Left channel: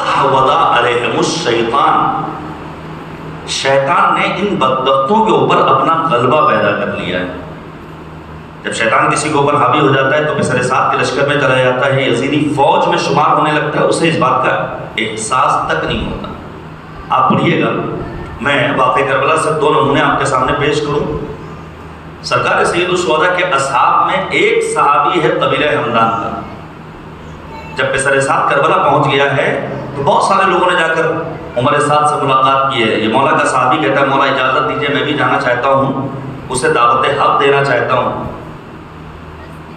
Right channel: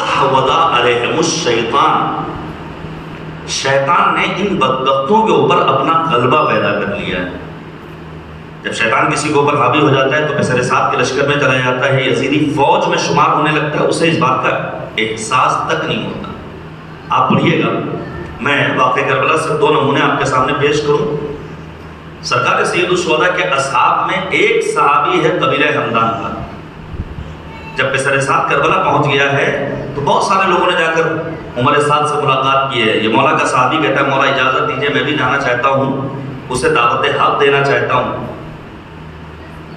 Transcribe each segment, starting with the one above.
استحوذ علیہم الشیطان، شیطان نے ان بدبختوں کے اوپر اپنا غلبہ پیدا کر لیا ہے۔ جب شیطان کسی کے اوپر حاوی ہو جاتا ہے تو بسر سعد کے لشکر میں چلا جاتا ہے، یزیدی فوج میں شمار ہونے لگتا ہے، اسے اس بات کا احساس تک نہیں ہوتا۔ آپ پڑھیے گا، میں واقعہ کربلا سے 2 نمونے آپ کے سامنے پیش کروں۔ سرکار سید الشہداء کے اصحاب میں ایک صحابی ہے قبیلہ ہمدان کا۔ جب بسر سعد کربلا پہنچ گیا ہے تو بہت سارے لوگوں نے جا کر عمر سعد سے ملاقات کی ہے۔ یہ مولا کا صحابی کہتا ہے مولا اجازت دیجیے میں بھی جانا چاہتا ہوں، اسے دعوت حق دینا چاہتا ہوں۔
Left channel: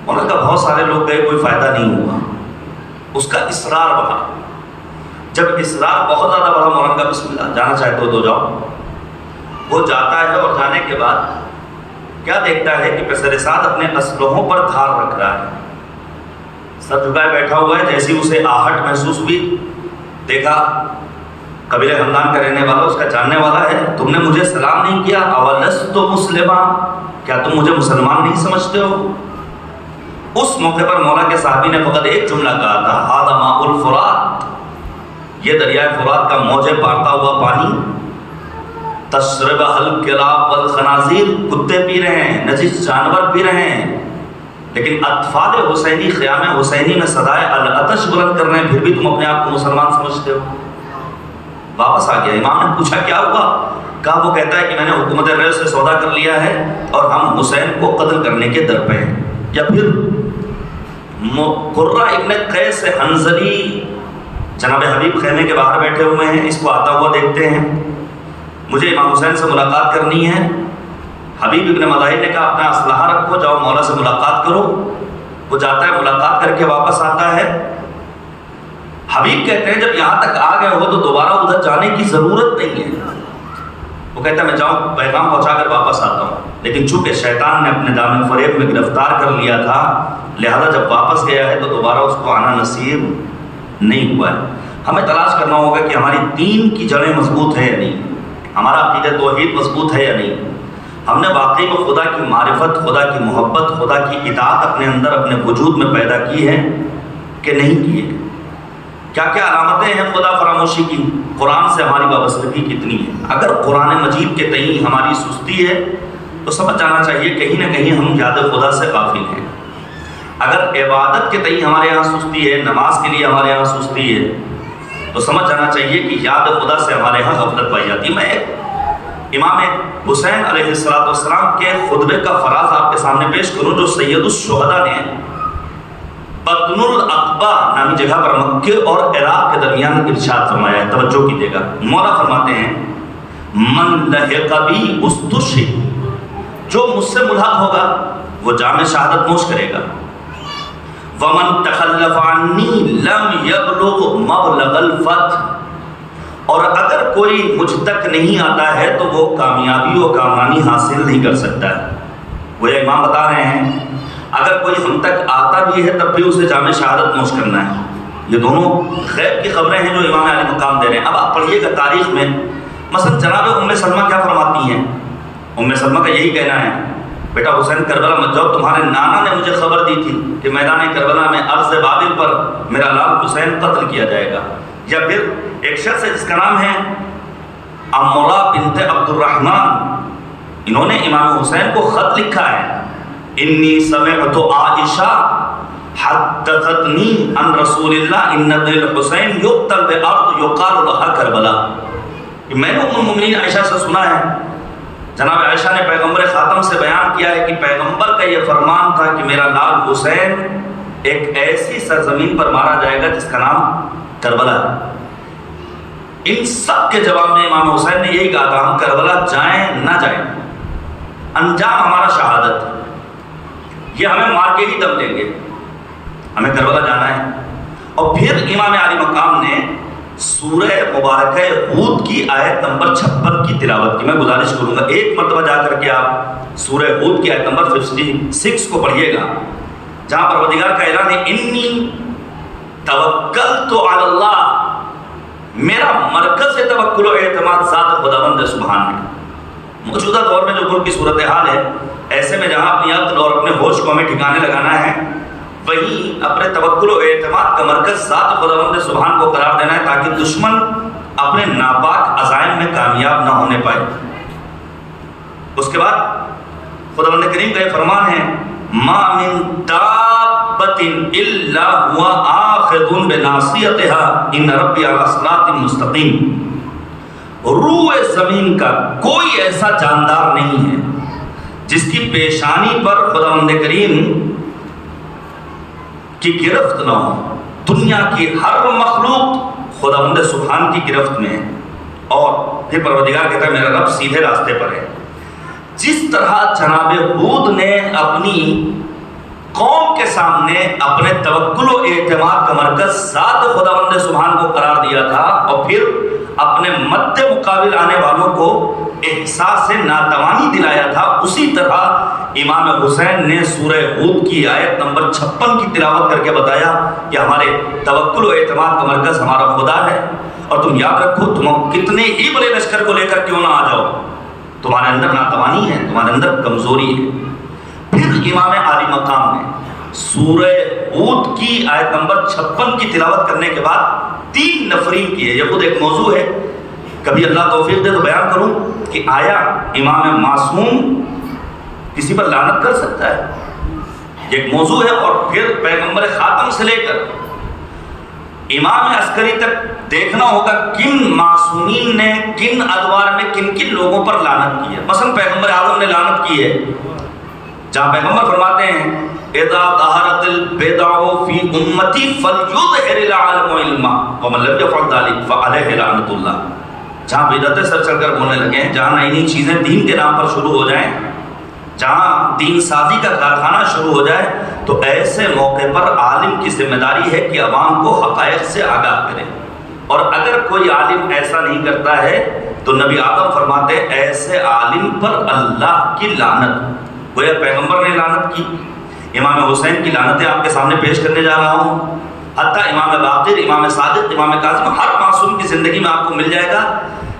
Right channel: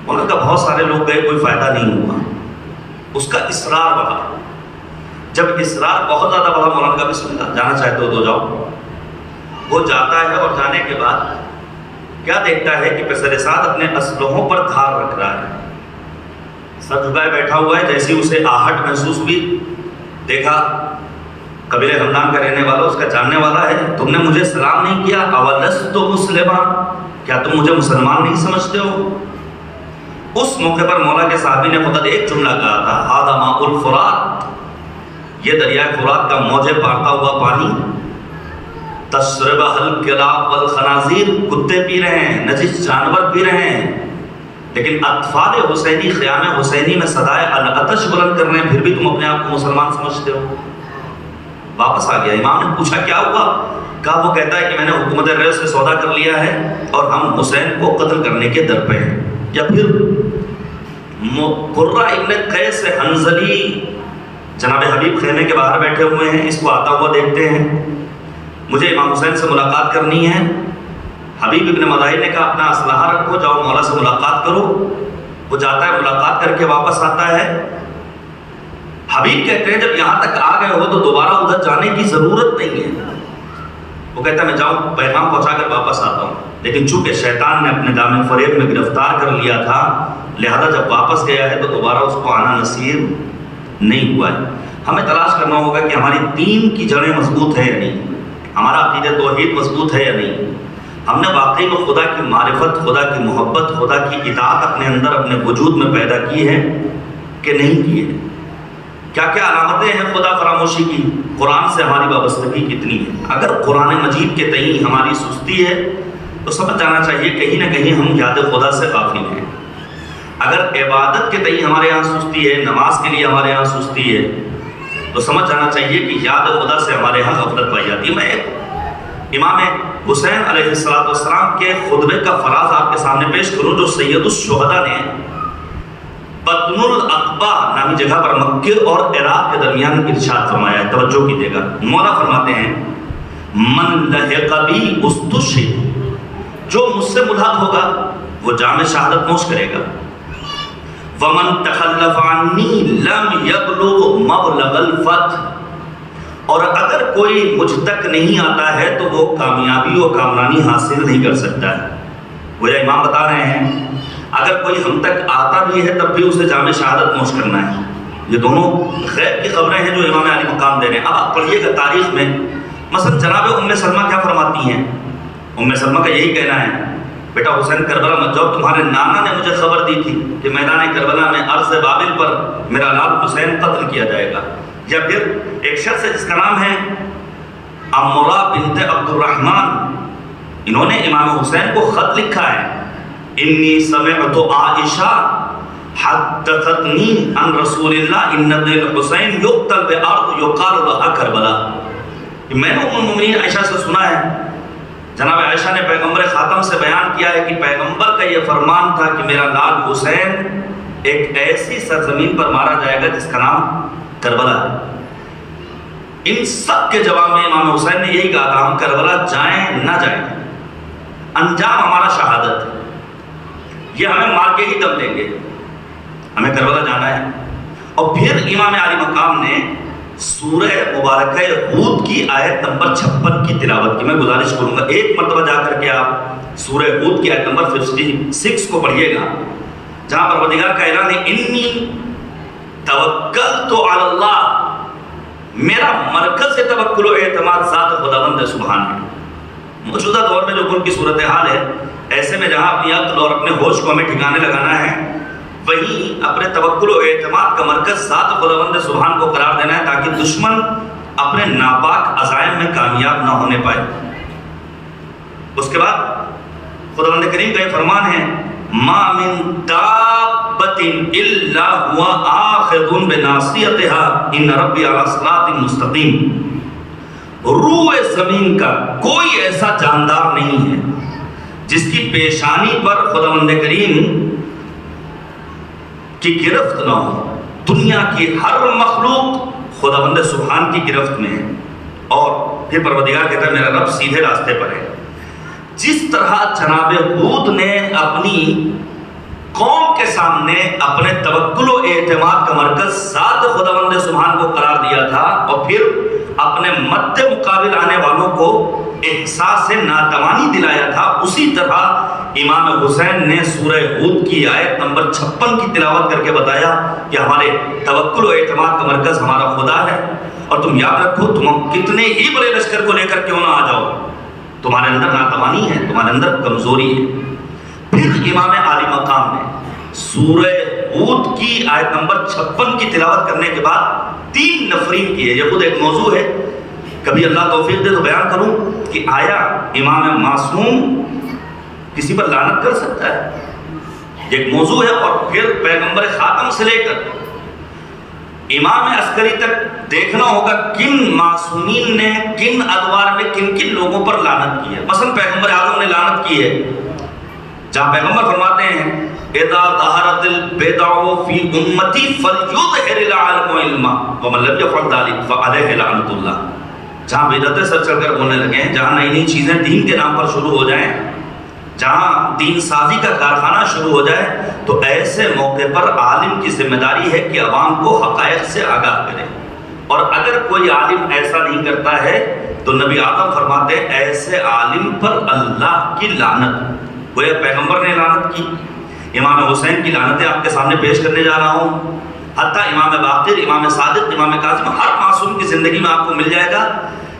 مولا کا بہت سارے لوگ گئے، کوئی فائدہ نہیں ہوا۔ اس کا اصرار بڑھا، جب اصرار بہت زیادہ بڑھا مولانا کا بسم اللہ جانا چاہتے ہو تو جاؤ۔ وہ جاتا ہے اور جانے کے بعد کیا دیکھتا ہے کہ بسر سعد اپنے اسلحوں پر دھار رکھ رہا ہے، سر جھکائے بیٹھا ہوا ہے۔ جیسی اسے آہٹ محسوس ہوئی، دیکھا قبیلہ ہمدان کا رہنے والا، اس کا جاننے والا ہے، تم نے مجھے سلام نہیں کیا، اولست مسلما، کیا تم مجھے مسلمان نہیں سمجھتے ہو؟ اس موقع پر مولا کے صحابی نے فقط ایک جملہ کہا تھا، ھذا ماء الفرات، یہ دریائے فرات کا موجے پارتا ہوا پانی، تشربہ الکلاب والخنازیر، کتے پی رہے ہیں، نجس جانور پی رہے ہیں، لیکن اطفال حسینی خیام حسینی میں صدائے العطش بلند کر رہے ہیں، پھر بھی تم اپنے آپ کو مسلمان سمجھتے ہو۔ واپس آ گیا۔ امام نے پوچھا کیا ہوا؟ کہا وہ کہتا ہے کہ میں نے حکومت ریل سے سودا کر لیا ہے اور ہم حسین کو قتل کرنے کے در پہ ہیں۔ یا پھر قرہ ابن قیس حنظلی جناب حبیب خیمے کے باہر بیٹھے ہوئے ہیں، اس کو آتا ہوا دیکھتے ہیں، مجھے امام حسین سے ملاقات کرنی ہے۔ حبیب ابن مظاہر نے کہا اپنا اسلحہ رکھو، جاؤ مولا سے ملاقات کرو۔ وہ جاتا ہے، ملاقات کر کے واپس آتا ہے۔ حبیب کہتے ہیں جب یہاں تک آ گئے ہو تو دوبارہ ادھر جانے کی ضرورت نہیں ہے۔ وہ کہتا ہے میں جاؤں پیغام پہنچا کر واپس آتا ہوں، لیکن چونکہ شیطان نے اپنے دامن فریب میں گرفتار کر لیا تھا، لہذا جب واپس گیا ہے تو دوبارہ اس کو آنا نصیب نہیں ہوا ہے۔ ہمیں تلاش کرنا ہوگا کہ ہماری دین کی جڑیں مضبوط ہے یا نہیں، ہمارا عقیدہ توحید مضبوط ہے یا نہیں، ہم نے واقعی میں خدا کی معرفت، خدا کی محبت، خدا کی اطاعت اپنے اندر اپنے وجود میں پیدا کی ہے کہ نہیں کی ہے۔ کیا کیا علامتیں ہیں خدا فراموشی کی؟ قرآن سے ہماری وابستگی کتنی ہے؟ اگر قرآن مجید کے تئیں ہماری سستی ہے تو سمجھ جانا چاہیے کہیں نہ کہیں ہم یاد خدا سے غافل ہیں۔ اگر عبادت کے تئیں ہمارے یہاں سستی ہے، نماز کے لیے ہمارے یہاں سستی ہے، تو سمجھ جانا چاہیے کہ یاد خدا سے ہمارے یہاں غفلت پائی جاتی ہے۔ میں امام حسین علیہ السلام کے خطبے کا فراز آپ کے سامنے پیش کروں جو سید الشہداء نے بطن العقبہ نامی جگہ پر مکے اور عراق کے درمیان ارشاد فرمایا ہے، توجہ کیجیے گا۔ مولا فرماتے ہیں من لحق بی استشہد، جو مجھ سے ملحق ہوگا وہ جام شہادت نوش کرے گا۔ ومن تخلف عنی لم یبلغ مبلغ الفتح، اور اگر کوئی مجھ تک نہیں آتا ہے تو وہ کامیابی و کامرانی حاصل نہیں کر سکتا ہے۔ وہ یہ امام بتا رہے ہیں اگر کوئی ہم تک آتا بھی ہے تب بھی اسے جام شہادت نوش کرنا ہے۔ یہ دونوں غیب کی خبریں ہیں جو امام علی مقام دے رہے ہیں۔ اب آپ پڑھیے گا تاریخ میں مثلا جناب ام سلمہ کیا فرماتی ہیں۔ ام سلمہ کا یہی کہنا ہے بیٹا حسین کربلا مت جاؤ، تمہارے نانا نے مجھے خبر دی تھی کہ میدان کربلا میں عرض بابل پر میرا لال حسین قتل کیا جائے گا۔ یا پھر ایک شخص ہے جس کا نام ہے امرا بنت عبد الرحمن، انہوں نے امام حسین کو خط لکھا ہے، انی سمعت عائشہ حدثتنی عن رسول اللہ ان الحسین یقتل بارض یقال لها کربلا، میں نے ام المؤمنین عائشہ سے سنا ہے، جناب عائشہ نے پیغمبر خاتم سے بیان کیا ہے کہ پیغمبر کا یہ فرمان تھا کہ میرا لال حسین ایک ایسی سرزمین پر مارا جائے گا جس کا نام کربلا ہے۔ ان سب کے جواب میں امام حسین نے یہی کہا تھا ہم کربلا جائیں نہ جائیں، انجام ہمارا شہادت، یہ ہمیں مار کے ہی دم لیں گے، ہمیں کربلا جانا ہے۔ اور پھر امام علی مقام نے سورہ مبارکہ ہود کی آیت نمبر 56 کی تلاوت کی۔ میں گزارش کروں گا ایک مرتبہ جا کر کے آپ سورہ ہود کی آیت نمبر 56 کو پڑھیے گا، جہاں پروردگار کا اعلان ہے انی توکلت علی اللہ، میرا مرکز سے توکل و اعتماد ذات خداوند سبحان ہے۔ موجودہ دور میں جو ملک کی صورتحال ہے، ایسے میں جہاں اپنی عقل اور اپنے ہوش کو ہمیں ٹھکانے لگانا ہے، وہیں اپنے توکل و اعتماد کا مرکز ذات خداوند سبحان کو قرار دینا ہے تاکہ دشمن اپنے ناپاک عزائم میں کامیاب نہ ہونے پائے۔ اس کے بعد خداوند کریم کا یہ فرمان ہے ما من دابۃ الا هو آخذ بناصیتها ان ربی علی صراط مستقیم۔ روح زمین کا کوئی ایسا جاندار نہیں ہے جس کی پیشانی پر خداوند کریم کی گرفت نہ ہو۔ دنیا کی ہر مخلوق خداوند سبحان کی گرفت میں ہے، اور پھر پروردگار کہتا ہے میرا رب سیدھے راستے پر ہے۔ جس طرح جناب ہود نے اپنی قوم کے سامنے اپنے توکل و اعتماد کا مرکز ذات خداوند سبحان کو قرار دیا تھا، اور پھر اپنے مد مقابل آنے والوں کو احساس ناتوانی دلایا تھا، اسی طرح امام حسین نے سورہ ہود کی آیت نمبر 56 کی تلاوت کر کے بتایا کہ ہمارے توکل و اعتماد کا مرکز ہمارا خدا ہے، اور تم یاد رکھو تم کتنے ہی بڑے لشکر کو لے کر کیوں نہ آ جاؤ، تمہارے اندر ناتوانی ہے، تمہارے اندر کمزوری ہے۔ پھر امام عالی مقام نے سورہ ہود کی آیت نمبر 56 کی تلاوت کرنے کے بعد 3 نفرین کی ہے۔ یہ خود ایک موضوع ہے، کبھی اللہ توفیق دے تو بیان کروں کہ آیا امام معصوم کسی پر لعنت کر سکتا ہے؟ یہ ایک موضوع ہے، اور پھر پیغمبر خاتم سے لے کر امام عسکری تک دیکھنا ہوگا کن معصومین نے کن ادوار میں کن کن لوگوں پر لعنت کی ہے۔ مثلا پیغمبر اعظم نے لعنت کی ہے، جہاں پیغمبر فرماتے ہیں اذا ظہرت البدع فی امتی فلیظہر العالم علما ومن لم یفعل ذلک فعلیہ لعنت اللہ۔ جہاں بدعتیں سر چڑھ کر بولنے لگے ہیں، جہاں نئی نئی چیزیں دین کے نام پر شروع ہو جائیں، جہاں دین سازی کا کارخانہ شروع ہو جائے، تو ایسے موقع پر عالم کی ذمہ داری ہے کہ عوام کو حقائق سے آگاہ کرے، اور اگر کوئی عالم ایسا نہیں کرتا ہے تو نبی آدم فرماتے ہیں ایسے عالم پر اللہ کی لعنت۔ گویا پیغمبر نے لعنت کی، امام حسین کی لعنتیں آپ کے سامنے پیش کرنے جا رہا ہوں، حتیٰ امام باقر، امام صادق، امام کاظم، ہر معصوم کی زندگی میں آپ کو مل جائے گا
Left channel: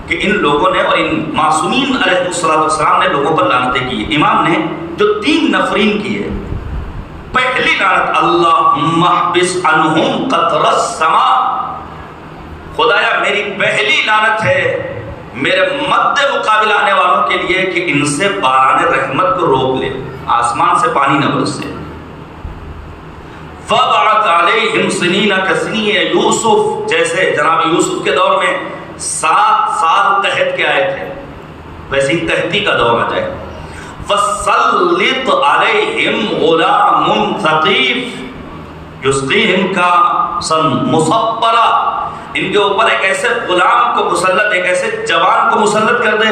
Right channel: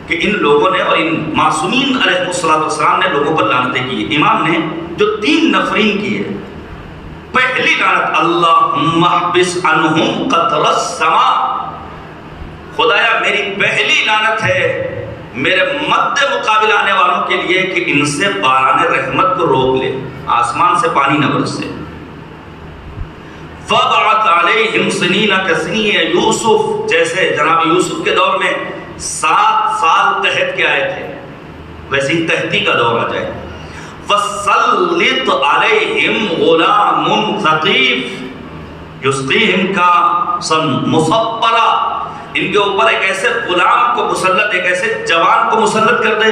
کہ ان لوگوں نے اور ان معصومین علیہ السلام نے لوگوں پر لعنتیں کی۔ امام نے جو 3 نفرین کی ہے، پہلی لعنت اللہم احبس عنہم قطر السماء، خدایا میری پہلی لعنت ہے میرے مد مقابل آنے والوں کے لیے کہ ان سے باران رحمت کو روک لے، آسمان سے پانی نہ برسے۔ فَبَعَثَ عَلَيْهِمْ سِنِينَ كَسِنِينِ یوسف، جیسے جناب یوسف کے دور میں 7 سال قحط کے آئے تھے، ویسی قحطی کا دور آ جائے۔ فَسَلِّطْ عَلَيْهِمْ غُلَامٌ ثَقِيفٌ یُسْقِيهِمْ كَأْسًا مُصَفَّرًا، ان کے اوپر ایک ایسے غلام کو مسلط، ایک ایسے جوان کو مسلط کر دے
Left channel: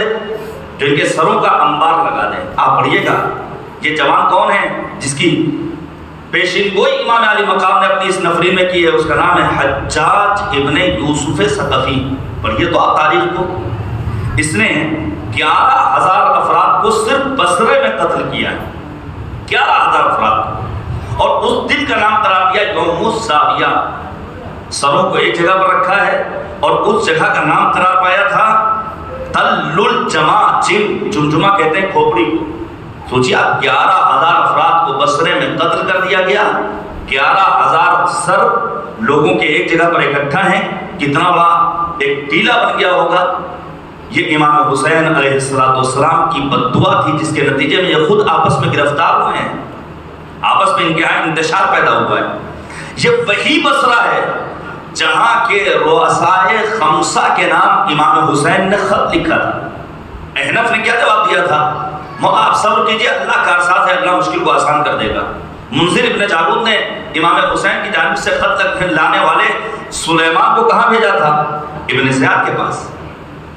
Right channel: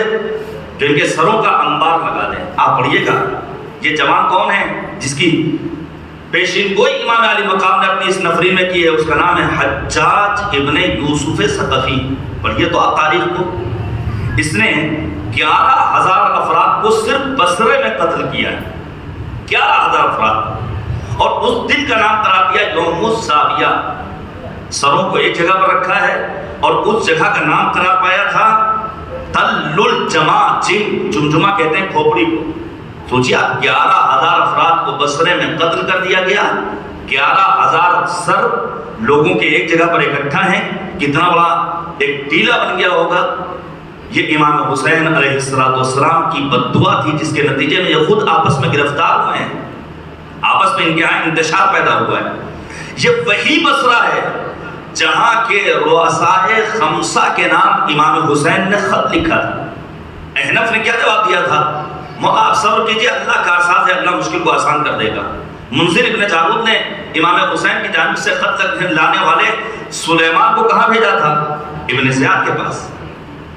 جو ان کے سروں کا انبار لگا دے۔ آپ پڑھیے گا یہ جوان کون ہے جس کی پیشین گوئی امام علی مقام نے اپنی اس نفری میں کی ہے، اس کا نام ہے حجاج ابن یوسف ثقفی۔ پڑھیے تو آپ تاریخ کو، اس نے 11,000 افراد کو صرف بصرے میں قتل کیا، 11,000 افراد، اور اس دن کا نام قرار دیا یوم الزاویہ۔ سروں کو ایک جگہ پر رکھا ہے، اور اس جگہ کا نام قرار پایا تھا تل الجمع، جمجمہ کہتے ہیں کھوپڑی کو۔ سوچیے آپ 11,000 افراد کو بصرے میں قتل کر دیا گیا، 11,000 سر لوگوں کے ایک جگہ پر اکٹھا ہیں، کتنا بڑا ایک ٹیلا بن گیا ہوگا۔ یہ امام حسین علیہ السلام کی بددعا تھی، جس کے نتیجے میں یہ خود آپس میں گرفتار ہوئے ہیں، آپس میں ان کے یہاں انتشار پیدا ہوا ہے۔ یہ وہی بصرہ ہے جہاں کے رؤسائے خمسہ کے نام امام حسین نے خط لکھا تھا۔ احنف نے کیا جواب دیا تھا؟ آپ صبر کیجئے، اللہ کارساز ہے، اللہ مشکل کو آسان کر دے گا۔ منذر ابن جارود نے امام حسین کی جانب سے خط لانے والے سلیمان کو کہاں بھیجا تھا؟ ابن زیاد کے پاس۔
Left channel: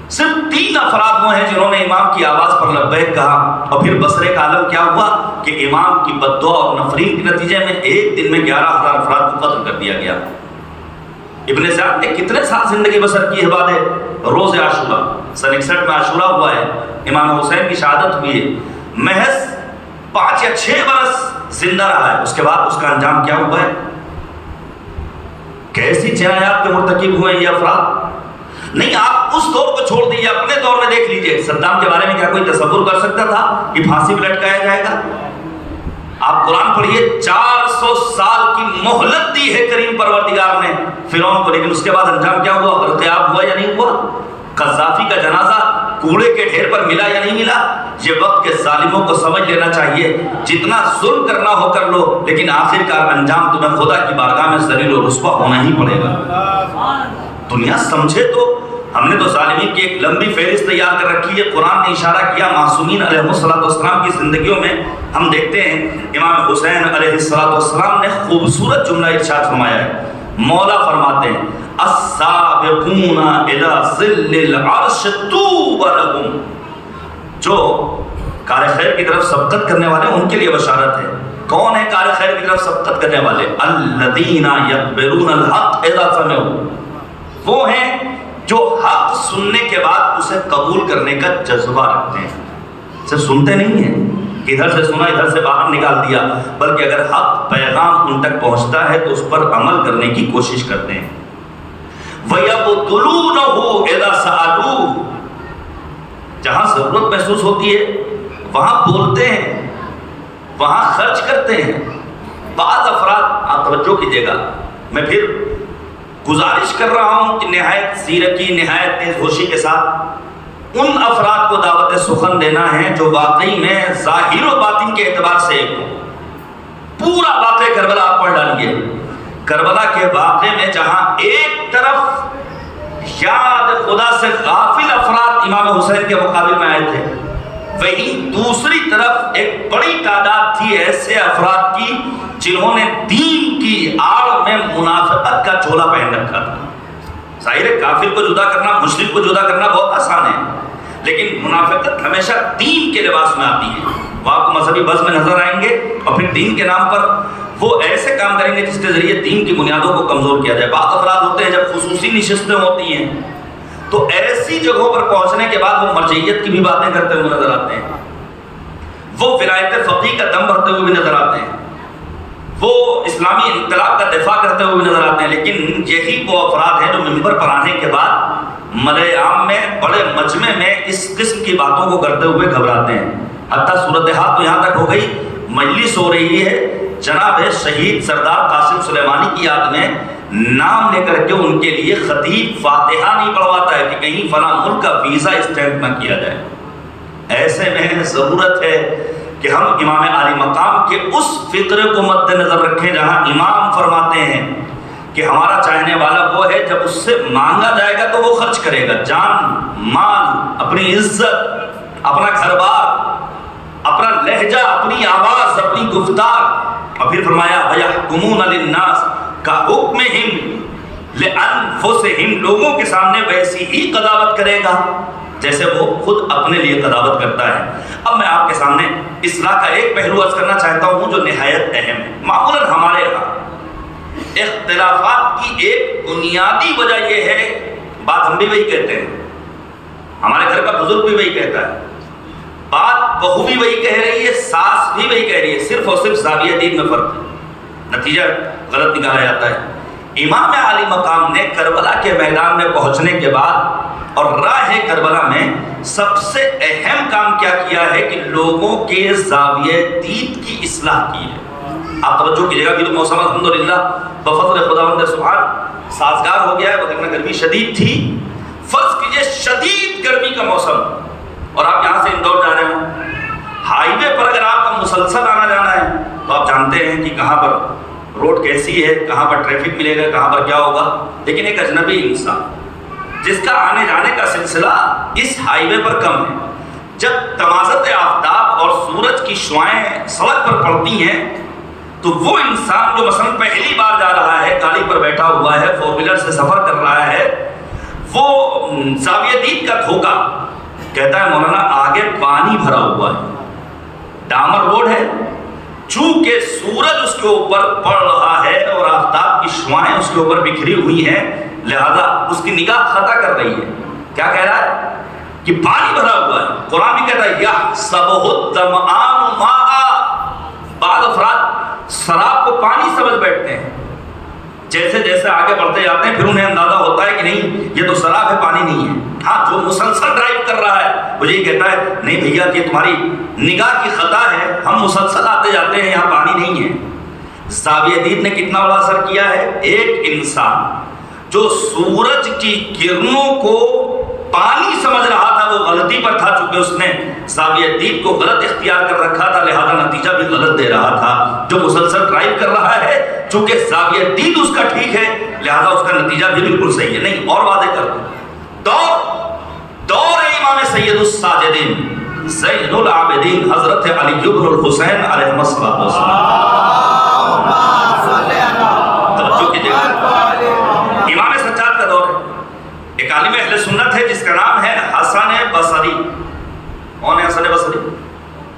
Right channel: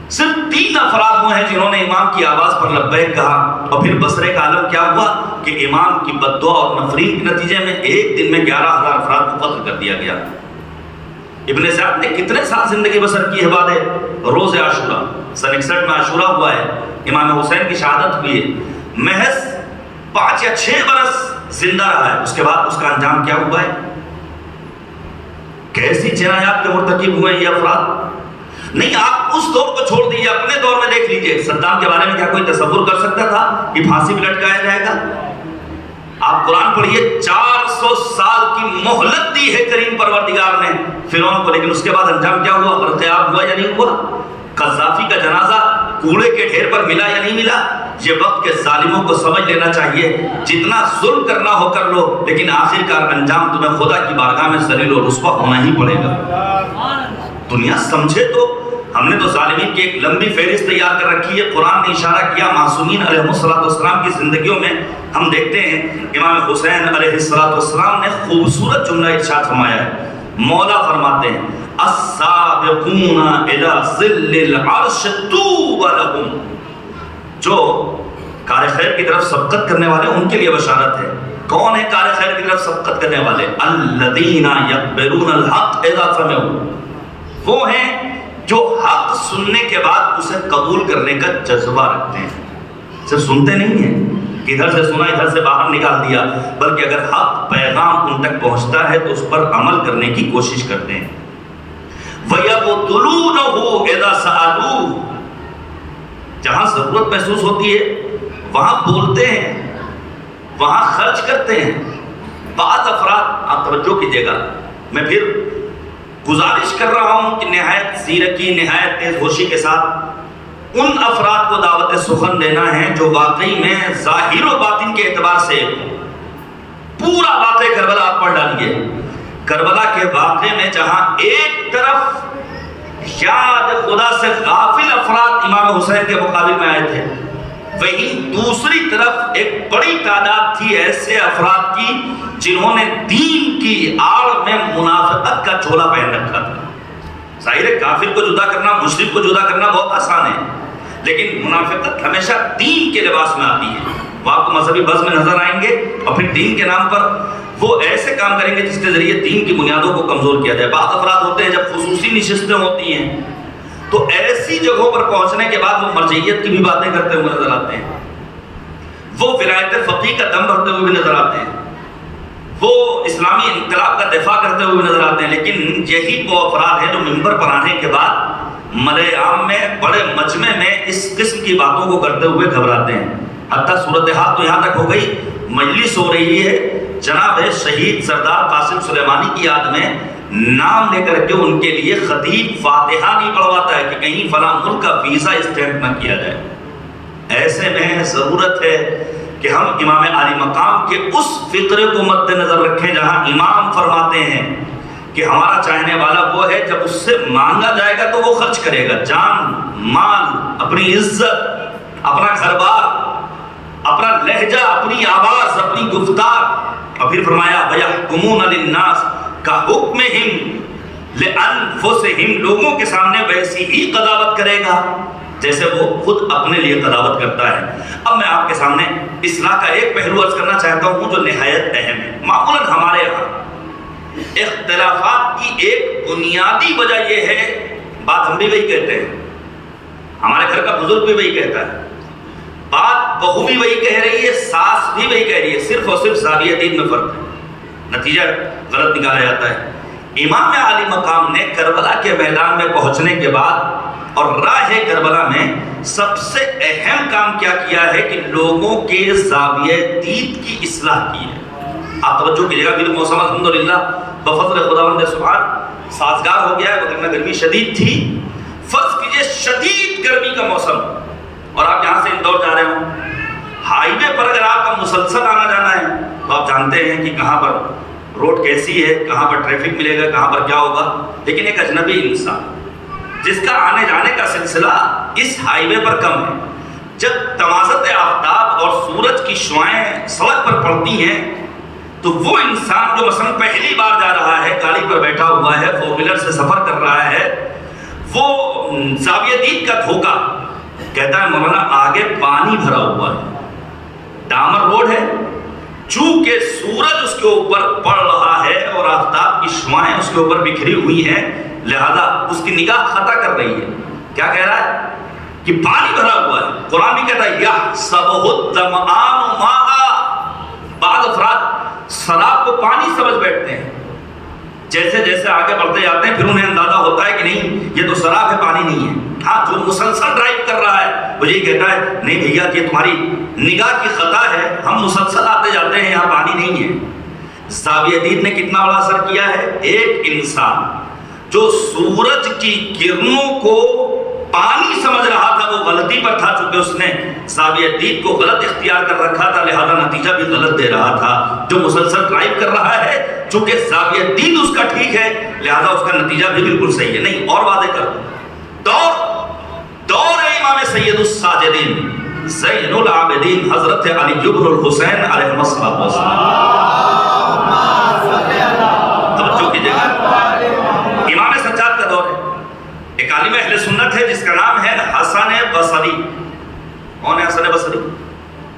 صرف 3 افراد وہ ہیں جنہوں نے امام کی آواز پر لبیک کہا، اور پھر بصرے کا عالم کیا ہوا کہ امام کی بددعا اور نفرین کے نتیجے میں ایک دن میں 11,000 افراد کو قتل کر دیا گیا۔ ابن زیاد نے کتنے سال زندگی بسر کی ہے بعد روز عاشورہ، سن 61 میں عاشورہ ہوا ہے، امام حسین کی شہادت ہوئی ہے، محض 5 یا 6 برس زندہ رہا ہے، اس کے بعد اس کا انجام کیا ہوا ہے؟ کیسی جنایات کے مرتکب ہوئے یہ افراد؟ نہیں، آپ اس دور کو چھوڑ دیجیے، اپنے دور میں دیکھ لیجیے، صدام کے بارے میں کیا کوئی تصور کر سکتا تھا کہ پھانسی پہ لٹکایا جائے گا؟ آپ قرآن پڑھیے 400 سال کی مہلت دی ہے کریم پروردگار نے فرعون کو، لیکن اس کے بعد انجام کیا ہوا؟ غرقیاب ہوا یا نہیں ہوا؟ قذافی کا جنازہ کوڑے کے ڈھیر پر ملا یا نہیں ملا؟ یہ وقت کے ظالموں کو سمجھ لینا چاہیے، جتنا ظلم کرنا ہو کر لو، لیکن آخرکار انجام تمہیں خدا کی بارگاہ میں ذلیل و رسوا ہونا ہی پڑے گا۔ دنیا سمجھے تو ہم نے تو ظالمین کی ایک لمبی فہرست تیار کر رکھی ہے۔ قرآن نے اشارہ کیا معصومین علیہ السلام کی زندگیوں میں، ہم دیکھتے ہیں امام حسین علیہ السلام نے خوبصورت جملہ ارشاد فرمایا ہے۔ مولا فرماتے ہیں السابقون الی ظل العرش طوبی لہم، جو کار خیر کی طرف سبقت کرنے والے ان کے لیے بشارت ہے۔ کون ہے کار خیر کی طرف سبقت کرنے والے؟ الذین یقبلون الحق اذا سمعوا، وہ ہیں جو حق سننے کے بعد اسے قبول کرنے کا جذبہ رکھتے ہیں۔ صرف سنتے نہیں ہیں کہ ادھر سے سنا ادھر سے باہر نکال دیا، بلکہ اگر حق پیغام ان تک پہنچتا ہے تو اس پر عمل کرنے کی کوشش کرتے ہیں۔ وَيَبْطُلُونَهُ إِذَا سَأَلُوهُ، جہاں ضرورت محسوس ہوتی ہے وہاں بولتے ہیں، وہاں خرچ کرتے ہیں۔ بعض افراد، آپ توجہ کیجیے گا، میں پھر گزارش کر رہا ہوں کہ نہایت زیرکی، نہایت تیز ہوشی کے ساتھ ان افراد کو دعوت سخن دینا ہے جو واقعی میں ظاہر و باطن کے اعتبار سے ایک ہو۔ پورا واقعہ کربلا آپ پڑھ ڈالیے، کربلا کے واقعے میں جہاں ایک طرف یاد خدا سے غافل افراد امام حسین کے مقابل میں آئے تھے، وہیں دوسری طرف ایک بڑی تعداد تھی ایسے افراد کی جنہوں نے دین کی آڑ میں منافقت کا چولا پہن رکھا تھا۔ ظاہر ہے کافر کو جدا کرنا، مشرک کو جدا کرنا بہت آسان ہے، لیکن منافقت ہمیشہ دین کے لباس میں آتی ہے۔ وہ آپ کو مذہبی بز میں نظر آئیں گے اور پھر دین کے نام پر وہ ایسے کام کریں گے جس کے ذریعے دین کی بنیادوں کو کمزور کیا جائے۔ بعض افراد ہوتے ہیں جب خصوصی نشستیں ہوتی ہیں تو ایسی جگہوں پر پہنچنے کے بعد وہ مرجعیت کی بھی باتیں کرتے ہوئے نظر آتے ہیں، وہ ولایت فقیہ کا دم بھرتے ہوئے بھی نظر آتے ہیں، وہ اسلامی انقلاب کا دفاع کرتے ہوئے بھی نظر آتے ہیں، لیکن یہی وہ افراد ہیں جو ممبر پر آنے کے بعد ملأ عام میں بڑے مجمع میں اس قسم کی باتوں کو کرتے ہوئے گھبراتے ہیں۔ حتیٰ صورتحال تو یہاں تک ہو گئی، مجلس ہو رہی ہے، جناب شہید سردار قاسم سلیمانی کی یاد میں نام لے کر کے ان کے لیے خطیب فاتحہ نہیں پڑھواتا ہے کہ کہیں فلاں ملک کا ویزا اسٹیمپ نہ کیا جائے۔ ایسے میں ضرورت ہے کہ ہم امام عالی مقام کے اس فکر کو مد نظر رکھیں جہاں امام فرماتے ہیں کہ ہمارا چاہنے والا وہ ہے جب اس سے مانگا جائے گا تو وہ خرچ کرے گا، جان، مال، اپنی عزت، اپنا گھر بار، اپنا لہجہ، اپنی آواز، اپنی گفتار۔ اور پھر فرمایا وَيَحْكُمُونَ لِلنَّاسِ كَحُكْمِهِمْ لِأَنفُسِهِمْ، لوگوں کے سامنے ویسی ہی قضاوت کرے گا جیسے وہ خود اپنے لیے قضاوت کرتا ہے۔ اب میں آپ کے سامنے اصلاح کا ایک پہلو عرض کرنا چاہتا ہوں جو نہایت اہم ہے۔ معمولاً ہمارے یہاں اختلافات کی ایک بنیادی وجہ یہ ہے، بات ہم بھی وہی کہتے ہیں، ہمارے گھر کا بزرگ بھی وہی کہتا ہے، بات بہو بھی وہی کہہ رہی ہے، ساس بھی وہی کہہ رہی ہے، صرف اور صرف زاویہ دین میں فرق ہے، نتیجہ غلط نکالا جاتا ہے۔ امام عالی مقام نے کربلا کے میدان میں پہنچنے کے بعد اور راہ کربلا میں سب سے اہم کام کیا کیا ہے کہ لوگوں کے زاویہ دید کی اصلاح کی ہے۔ آپ توجہ کیجیے گا، موسم الحمدللہ بفضل خداوند سبحان سازگار ہو گیا ہے، وگرنہ گرمی شدید تھی۔ فرض کیجیے شدید گرمی کا موسم اور آپ یہاں سے اندور جا رہے ہوں، ہائی وے پر اگر آپ کا مسلسل آنا جانا ہے تو آپ جانتے ہیں کہ کہاں پر روڈ کیسی ہے، کہاں پر ٹریفک ملے گا، کہاں پر کیا ہوگا، لیکن ایک اجنبی انسان جس کا آنے جانے کا سلسلہ اس ہائی وے پر کم ہے، جب تمازت آفتاب اور سورج کی شعاعیں سڑک پر پڑتی ہیں تو وہ انسان جو مثلا پہلی بار جا رہا ہے، گاڑی پر بیٹھا ہوا ہے، فور ویلر سے سفر کر رہا ہے، وہ زاویہ دید کا دھوکہ کہتا ہے مولانا آگے پانی بھرا ہوا ہے، ڈامر روڈ ہے، چونکہ سورج اس کے اوپر پڑ رہا ہے اور آفتاب کی شعاعیں اس کے اوپر بکھری ہوئی ہیں، لہذا اس کی نگاہ خطا کر رہی ہے۔ کیا کہہ رہا ہے کہ پانی بھرا ہوا ہے۔ قرآن بھی کہتا ہے یحسبہ الظمآن ماء، بعض افراد شراب کو پانی سمجھ بیٹھتے ہیں، جیسے جیسے آگے بڑھتے جاتے ہیں پھر انہیں اندازہ ہوتا ہے کہ نہیں یہ تو سراب ہے، پانی نہیں ہے۔ ہاں جو مسلسل ڈرائیو کر رہا ہے وہ یہی کہتا ہے نہیں بھیا یہ تمہاری نگاہ کی خطا ہے، ہم مسلسل آتے جاتے ہیں یہاں پانی نہیں ہے۔ زاویہ دید نے کتنا بڑا اثر کیا ہے؟ ایک انسان جو سورج کی کرنوں کو پانی سمجھ رہا تھا وہ غلطی پر تھا، چونکہ اس نے زاویہ دید کو غلط اختیار کر رکھا تھا لہذا نتیجہ بھی غلط دے رہا تھا۔ جو مسلسل ڈرائیو کر رہا ہے چونکہ زاویہ دید اس کا ٹھیک ہے لہذا اس کا نتیجہ بھی بالکل صحیح ہے۔ نہیں اور واضح کر دور امام سید الساجدین زین العابدین حضرت علی بن الحسین علیہ الصلوۃ والسلام، توجہ کیجیے گا، امام سجاد کا دور ہے۔ ایک عالم اہل سنت ہے جس کا نام ہے حسن بصری۔ کون ہے حسن بصری؟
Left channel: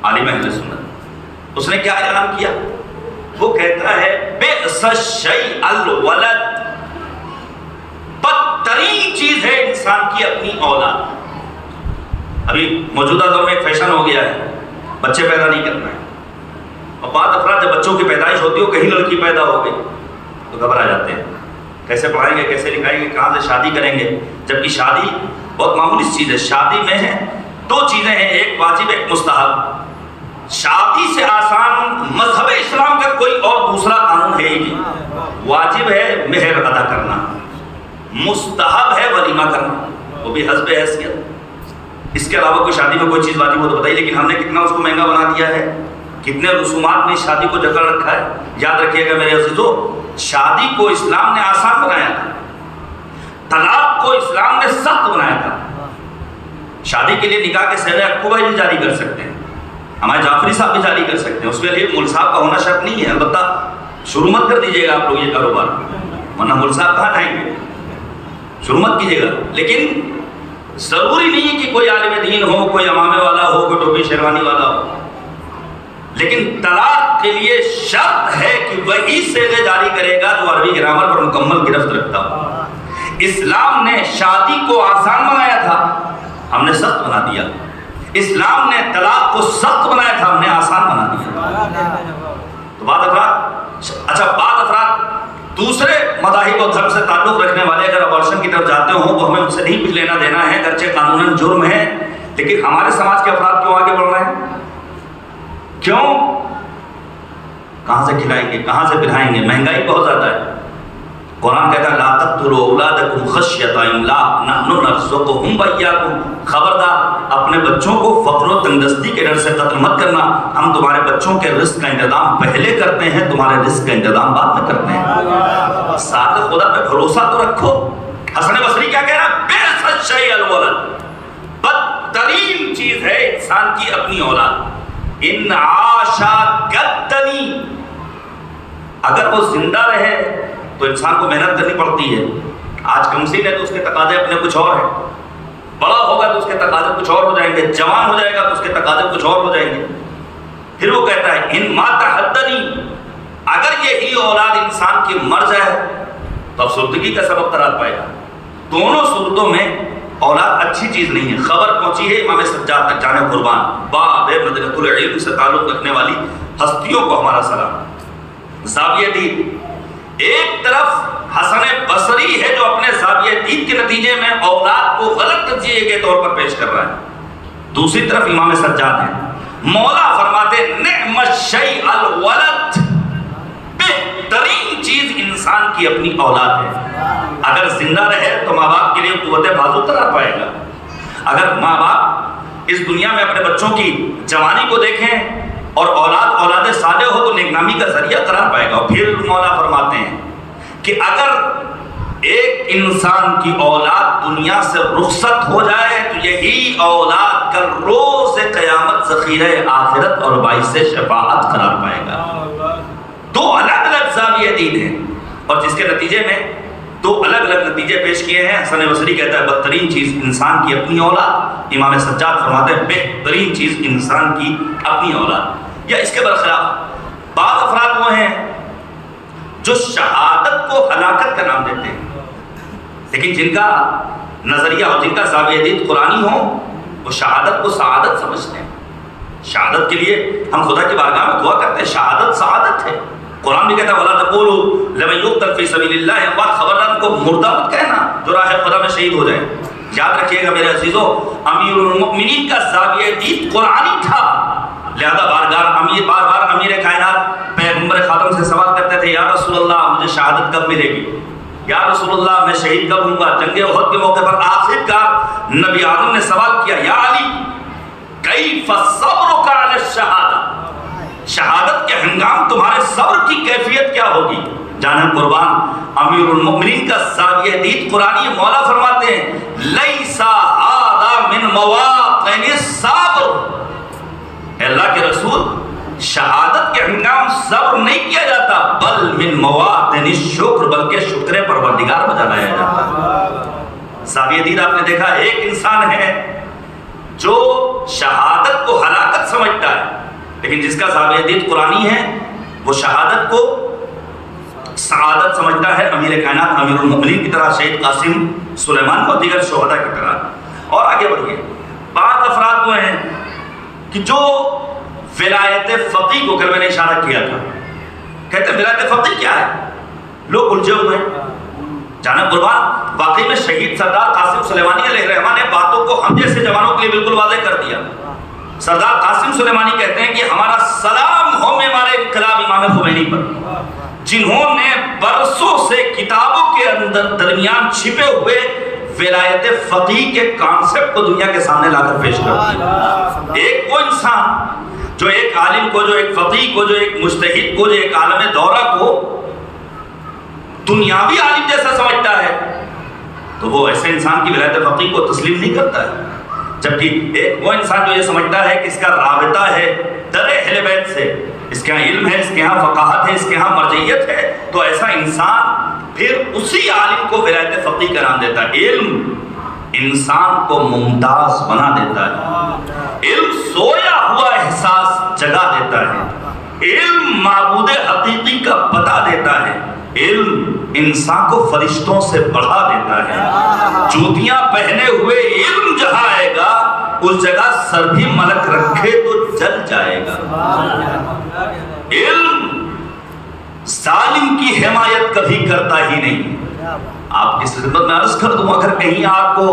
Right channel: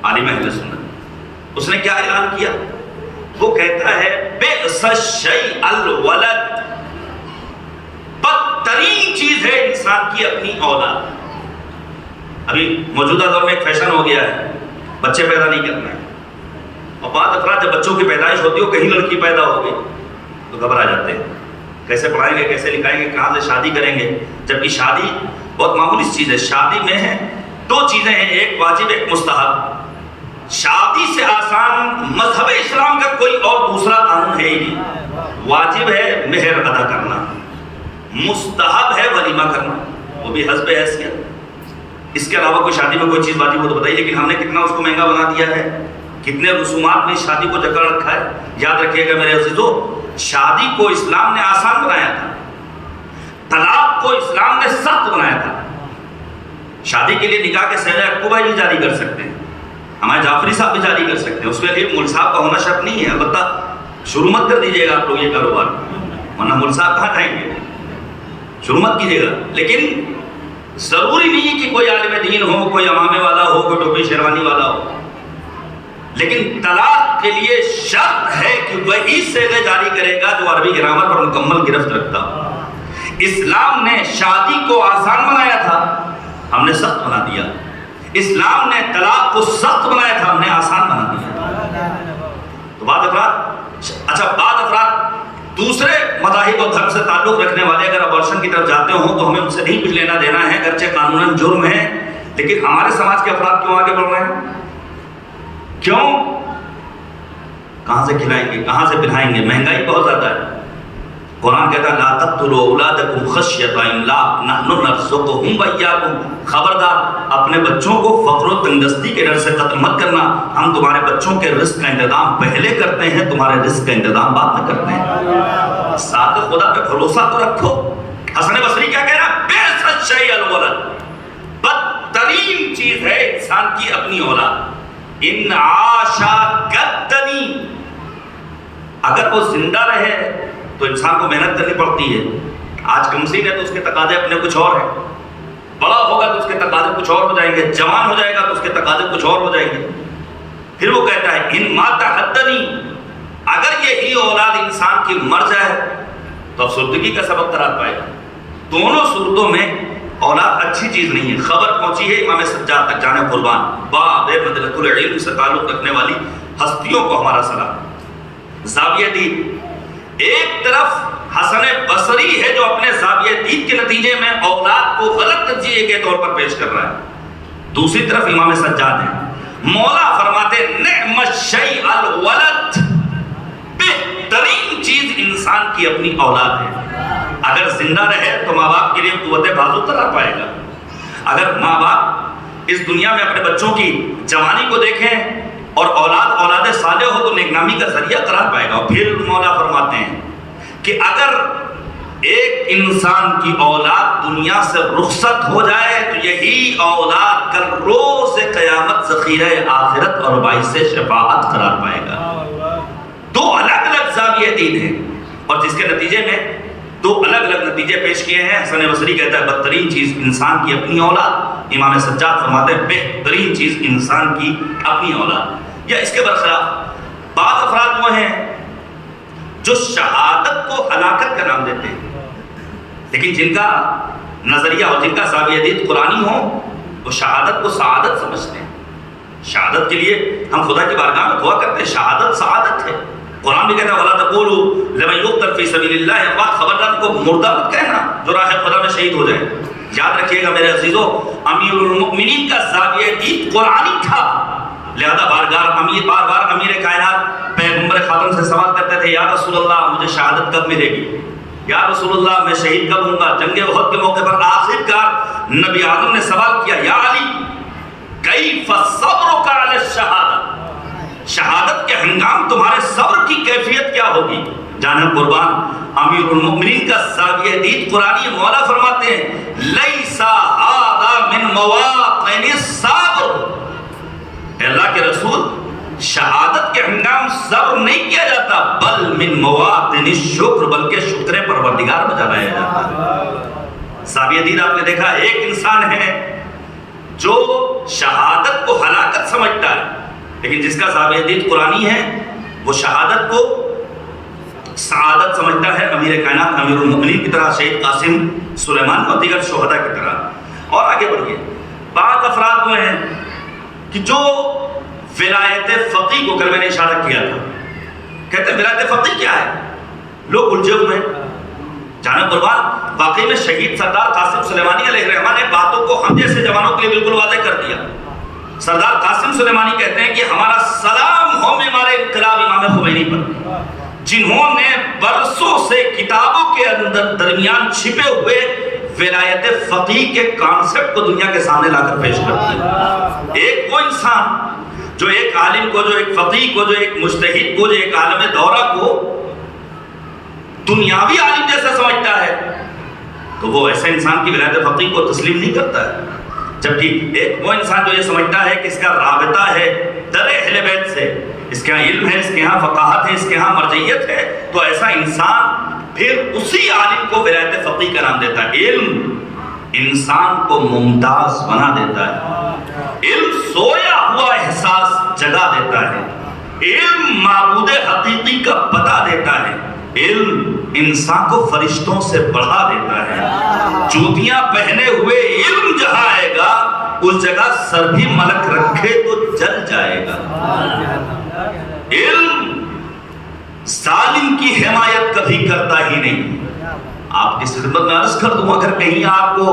عالم اہل سنت۔ اس نے کیا اعلان کیا؟ وہ کہتا ہے بئس الشیء الولد، بدترین چیز ہے انسان کی اپنی اولاد۔ ابھی موجودہ دور میں ایک فیشن ہو گیا ہے بچے پیدا نہیں کرنا ہے، اور بعض افراد جب بچوں کی پیدائش ہوتی ہے کہیں لڑکی پیدا ہو گئی تو گھبرا جاتے ہیں، کیسے پڑھائیں گے، کیسے لکھائیں گے، کہاں سے شادی کریں گے، جبکہ شادی بہت معمولی چیز ہے۔ شادی میں ہے دو چیزیں ہیں، ایک واجب ایک مستحب۔ شادی سے آسان مذہب اسلام کا کوئی اور دوسرا قانون ہے ہی نہیں۔ واجب ہے مہر ادا کرنا، مستحب ہے ولیمہ کرنا، وہ بھی حسب حیثیت۔ اس کے علاوہ کوئی شادی میں کوئی چیز واجب ہو تو بتائیے، لیکن ہم نے کتنا اس کو مہنگا بنا دیا ہے، کتنے رسومات نے شادی کو جکڑ رکھا ہے۔ یاد رکھیے گا میرے عزیزو، شادی کو اسلام نے آسان بنایا تھا، طلاق کو اسلام نے سخت بنایا تھا۔ شادی کے لیے نکاح کے صیغہ اکتوبہ بھی جاری کر سکتے ہیں، ہمارے جعفری صاحب بھی جاری کر سکتے ہیں، اس کے لیے مول صاحب کا ہونا شرط نہیں ہے۔ البتہ شروع مت کر دیجیے گا آپ لوگ یہ کاروبار، ورنہ مول صاحب کہاں جائیں گے، شروع مت کیجیے گا۔ لیکن ضروری نہیں کہ کوئی عالم دین ہو، کوئی امامے والا ہو، کوئی ٹوپی شیروانی والا ہو، لیکن طلاق کے لیے شرط ہے کہ وہی صیغے جاری کرے گا جو عربی گرامر پر مکمل گرفت رکھتا ہو۔ اسلام نے شادی کو آسان بنایا تھا، ہم نے سخت بنا دیا۔ اسلام نے طلاق کو سخت بنایا تھا، ہم نے آسان بنا دیا۔ تو بعض افراد دوسرے مذاہب اور دھرم سے تعلق رکھنے والے اگر ابارشن کی طرف جاتے ہوں تو ہمیں ان سے نہیں کچھ لینا دینا ہے، اگرچہ قانوناً جرم ہے، لیکن ہمارے سماج کے افراد کیوں آگے بڑھ رہے ہیں؟ کیوں؟ کہاں سے کھلائیں گے، کہاں سے پلائیں گے؟ مہنگائی بہت زیادہ ہے۔ قرآن کہتا ہے لا تقتلوا اولادکم خشیۃ املاق نحن نرزقهم وإیاکم، خبردار اپنے بچوں کو فقر و تنگدستی کے ڈر سے قتل مت کرنا، ہم تمہارے بچوں کے رزق کا انتظام پہلے کرتے ہیں، تمہارے رزق کا انتظام بعد میں کرتے ہیں۔ ساتھ خدا پہ بھروسہ تو رکھو۔ حسن بصری کیا کہہ رہا؟ بئس الشیء الولد، بدترین چیز ہے انسان کی اپنی اولاد۔ ان عاشا کدنی، اگر وہ زندہ رہے تو انسان کو محنت کرنی پڑتی ہے۔ آج کمسین ہے تو اس کے تقاضے اپنے کچھ اور ہیں، بڑا ہوگا تو اس کے تقاضے کچھ اور ہو جائیں گے، جوان ہو جائے گا تو اس کے تقاضے کچھ اور ہو جائیں گے۔ پھر وہ کہتا ہے ان مات حدنی، اگر یہی اولاد انسان کی مر جائے تو افسردگی کا سبب قرار پائے گا۔ دونوں صورتوں میں اولاد اچھی چیز نہیں ہے۔ خبر پہنچی ہے امام سجاد تک، جانے قربان، باب مدینۃ العلم سے تعلق رکھنے والی ہستیوں کو ہمارا سلام۔ زاویہ دید، ایک طرف حسن بصری ہے جو اپنے زاویہ دید کے نتیجے میں اولاد کو غلط نتیجے کے طور پر پیش کر رہا ہے، دوسری طرف امام سجاد ہے۔ مولا فرماتے نعم الشیء الولد، بہترین چیز انسان کی اپنی اولاد ہے۔ اگر زندہ رہے تو ماں باپ کے لیے قوت بازو قرار پائے گا۔ اگر ماں باپ اس دنیا میں اپنے بچوں کی جوانی کو دیکھیں اور اولاد صالح ہو تو نیکنامی کا ذریعہ قرار پائے گا۔ پھر مولا فرماتے ہیں کہ اگر ایک انسان کی اولاد دنیا سے رخصت ہو جائے تو یہی اولاد کل روز قیامت ذخیرہ آخرت اور باعث شفاعت قرار پائے گا۔ دو الگ الگ زاویہ دید ہیں اور جس کے نتیجے میں دو الگ الگ نتیجے پیش کیے ہیں۔ حسن بصری کہتا ہے بدترین چیز انسان کی اپنی اولاد، امام سجاد فرماتے ہیں بہترین چیز انسان کی اپنی اولاد۔ یا اس کے برخلاف بعض افراد وہ ہیں جو شہادت کو ہلاکت کا نام دیتے ہیں، لیکن جن کا نظریہ اور جن کا زاویہ دید قرآنی ہو وہ شہادت کو سعادت سمجھتے ہیں۔ شہادت کے لیے ہم خدا کی بارگاہ میں دعا کرتے ہیں، شہادت سعادت ہے، قرآن بھی کہتا ہے وَلَا تَقُولُوا لَمَن يُقْتَلْ فِي سَبِيلِ اللَّهِ اموات، خبردار کو مردہ مت کہنا جو راہ خدا میں شہید ہو جائے۔ یاد رکھیے گا میرے عزیزو، امیر المؤمنین کا زاویہ دید قرآنی تھا، لہذا بار بار امیر کائنات پیغمبر خاتم سے سوال کرتے تھے، یا رسول اللہ مجھے شہادت کب ملے گی، یا رسول اللہ میں شہید کب ہوں گا۔ جنگ احد کے موقع پر آخر کار نبی آدم نے سوال کیا، یا علی کیف صبرک علی الشہادہ، شہادت کے ہنگام تمہارے صبر کی کیفیت کیا ہوگی؟ جانیں قربان، امیر المؤمنین کا زاویہ دید قرآنی، مولا فرماتے ہیں لیسا ھذا من مواطن الصبر، اللہ کے رسول شہادت کے ہنگام صبر نہیں کیا جاتا، بل من مواطن الشکر، بلکہ شکر پروردگار بجا لایا جاتا۔ زاویہ دید آپ نے دیکھا، ایک انسان ہے جو شہادت کو ہلاکت سمجھتا ہے، لیکن جس کا زاویہ دید قرآنی ہے وہ شہادت کو سعادت سمجھتا ہے، امیر کائنات امیر المؤمنین کی طرح، شہید قاسم سلیمان اور دیگر شہداء کی طرح۔ اور آگے بڑھیے، بعض افراد وہ ہیں کہ جو ولایت فقیہ کو، کل میں نے اشارہ کیا تھا، کہتے ہیں ولایت فقیہ کیا ہے، لوگ الجھے ہوئے ہیں۔ جانا قربان، واقعی میں شہید سردار قاسم سلیمانی علیہ الرحمہ نے باتوں کو ہم جیسے جوانوں کے لیے بالکل واضح کر دیا۔ سردار قاسم سلیمانی کہتے ہیں کہ ہمارا سلام ہو معمار انقلاب امام خمینی پر، جنہوں نے برسوں سے کتابوں کے اندر درمیان چھپے ہوئے ولایت فقیہ کے کانسیپٹ کو دنیا کے سامنے لا کر پیش کر دیا۔ ایک وہ انسان جو ایک عالم کو، جو ایک فقیہ کو، جو ایک مجتہد کو، جو ایک عالم دورہ کو دنیاوی عالم جیسا سمجھتا ہے، تو وہ ایسے انسان کی ولایت فقیہ کو تسلیم نہیں کرتا ہے۔ جبکہ ایک وہ انسان جو یہ سمجھتا ہے کہ اس کا رابطہ ہے در اہل بیت سے، اس کے یہاں علم ہے، اس کے یہاں فقاہت ہے، اس کے یہاں مرجعیت ہے، تو ایسا انسان پھر اسی عالم کو ولایت فقیہ کا نام دیتا ہے۔ علم انسان کو ممتاز بنا دیتا ہے، علم سویا ہوا احساس جگا دیتا ہے، علم معبود حقیقی کا بتا دیتا ہے، علم انسان کو فرشتوں سے بڑھا دیتا ہے۔ جوتیاں پہنے ہوئے علم جہاں آئے گا، اس جگہ سر بھی ملک رکھے تو جل جائے گا۔ علم ظالم کی حمایت کبھی کرتا ہی نہیں۔ آپ کی خدمت میں عرض کر دوں، اگر کہیں آپ کو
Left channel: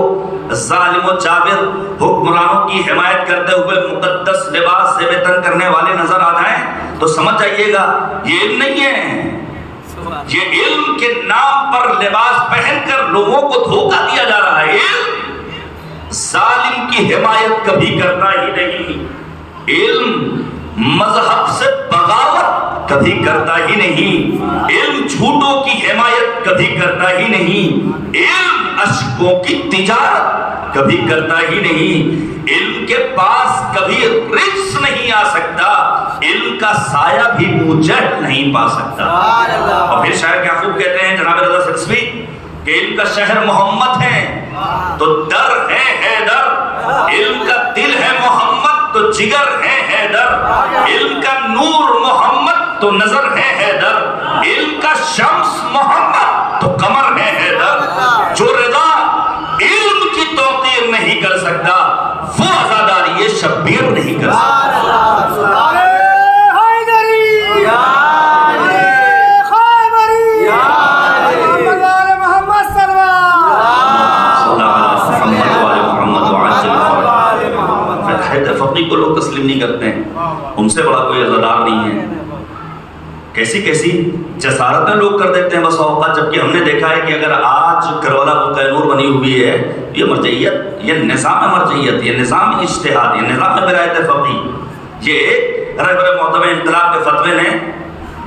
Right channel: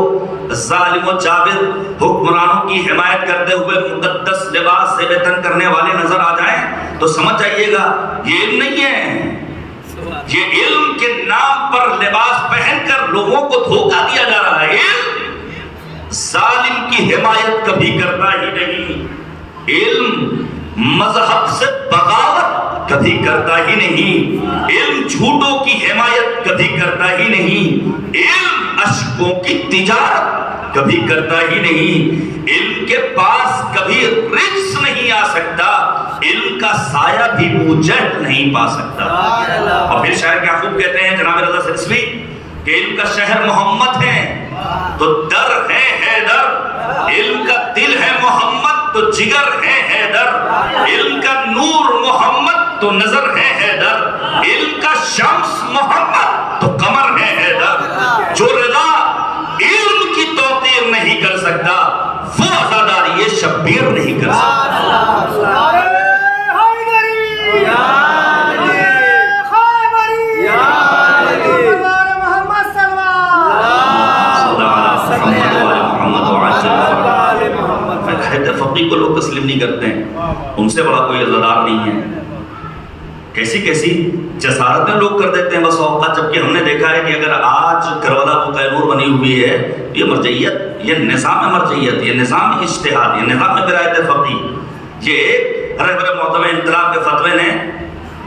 ظالم و جابر حکمرانوں کی حمایت کرتے ہوئے مقدس لباس سے وطن کرنے والے نظر آ جائیں تو سمجھ جائیے گا یہ علم نہیں ہے، یہ علم کے نام پر لباس پہن کر لوگوں کو دھوکہ دیا جا رہا ہے۔ علم ظالم کی حمایت کبھی کرتا ہی نہیں، علم مذہب سے بغاوت کبھی کرتا ہی نہیں، علم جھوٹوں کی حمایت کبھی کرتا ہی نہیں، علم اشکوں کی تجارت کبھی کرتا ہی نہیں، علم کے پاس کبھی رزق نہیں آ سکتا، علم کا سایہ بھی اجڑ نہیں پا سکتا۔ اور پھر شاعر یعقوب کہتے ہیں جناب رضا سلسوی کہ علم کا شہر محمد ہے تو در ہے حیدر، علم کا دل ہے محمد تو جگر ہے حیدر، علم کا نور محمد تو نظر ہے حیدر، علم کا شمس محمد تو قمر ہے حیدر۔ جو رضا علم کی توقیر نہیں کر سکتا وہ عزاداری شبیر نہیں کر سکتا۔ فقیہ کو لوگ تسلیم نہیں کرتے ہیں، ان سے بڑا کوئی عزادار نہیں ہے۔ کیسی کیسی جسارتیں لوگ کر دیتے ہیں بس اوقات، جبکہ ہم نے دیکھا ہے کہ اگر آج کربلا کو قینور بنی ہوئی ہے، یہ مرجعیت، یہ نظام مرجعیت، یہ نظام اجتہاد، یہ نظام ولایت فقیہ، یہ رہبر معظم انقلاب کے فتوے نے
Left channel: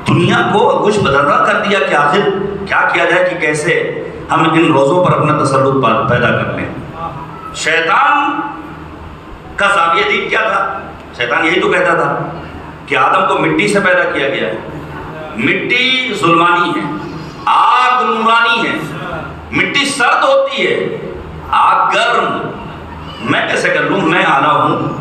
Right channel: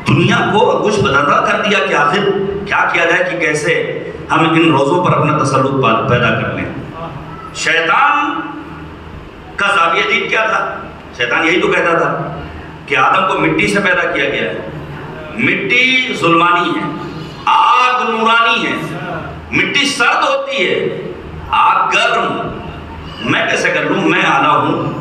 دنیا کو کچھ بدرگاہ کر دیا کہ آخر کیا کیا جائے کہ کیسے ہم ان روزوں پر اپنا تسلط پیدا کر لیں۔ شیطان کا زاویہ دید کیا تھا؟ شیطان یہی تو کہتا تھا کہ آدم کو مٹی سے پیدا کیا گیا ہے، مٹی ظلمانی ہے، آگ نورانی ہے، مٹی سرد ہوتی ہے، آگ گرم، میں کیسے کر لوں، میں اعلیٰ ہوں۔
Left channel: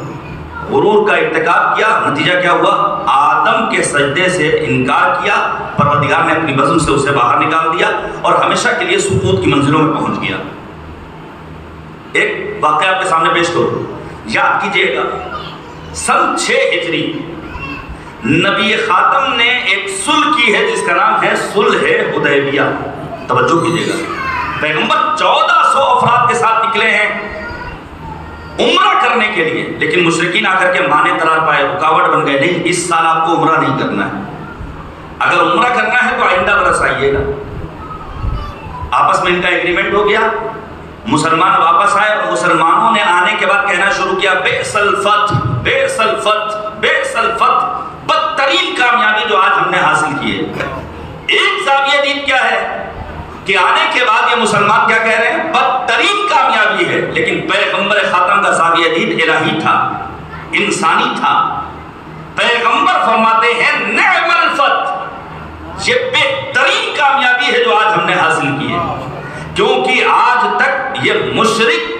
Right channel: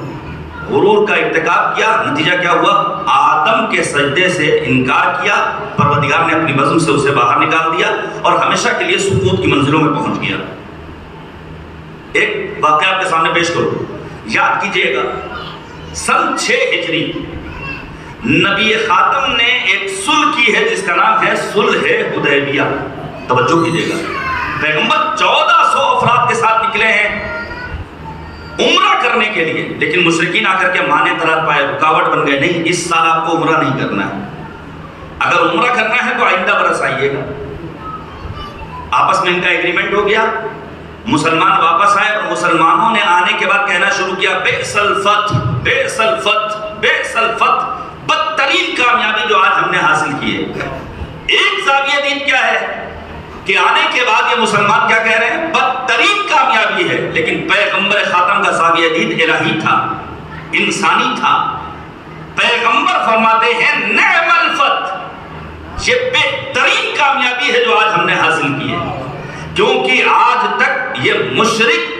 غرور کا ارتکاب کیا، نتیجہ کیا ہوا؟ آدم کے سجدے سے انکار کیا، پروردگار نے اپنی بزم سے اسے باہر نکال دیا اور ہمیشہ کے لیے سقوط کی منزلوں میں پہنچ گیا۔ ایک واقعہ آپ کے سامنے پیش کروں، یاد کیجئے گا، سن 6 ہجری نبی خاتم نے ایک صلح کی ہے جس کا نام ہے صلح حدیبیہ. توجہ کیجیے گا، پیغمبر 1400 افراد کے ساتھ نکلے ہیں عمرہ کرنے کے لیے، لیکن مشرکین آ کر کے مانے قرار پائے، رکاوٹ بن گئے. نہیں، اس سال آپ کو عمرہ نہیں کرنا ہے، اگر عمرہ کرنا ہے تو آئندہ برس آئیے گا. آپس میں ان کا ایگریمنٹ ہو گیا، مسلمان واپس آئے اور مسلمانوں نے آنے کے بعد کہنا شروع کیا بئس الفتح، بئس الفتح، بئس الفتح، بدترین کامیابی جو آج ہم نے حاصل کی ہے. ایک زاویہ دید کیا ہے کہ آنے کے بعد یہ مسلمان کیا کہہ رہے ہیں؟ بدترین کامیابی ہے. لیکن پیغمبر خاتم کا زاویہ دید الہی تھا، انسانی تھا. پیغمبر فرماتے ہیں نعم الفتح، یہ بہترین کامیابی ہے جو آج ہم نے حاصل کی ہے. کیونکہ آج تک یہ مشرک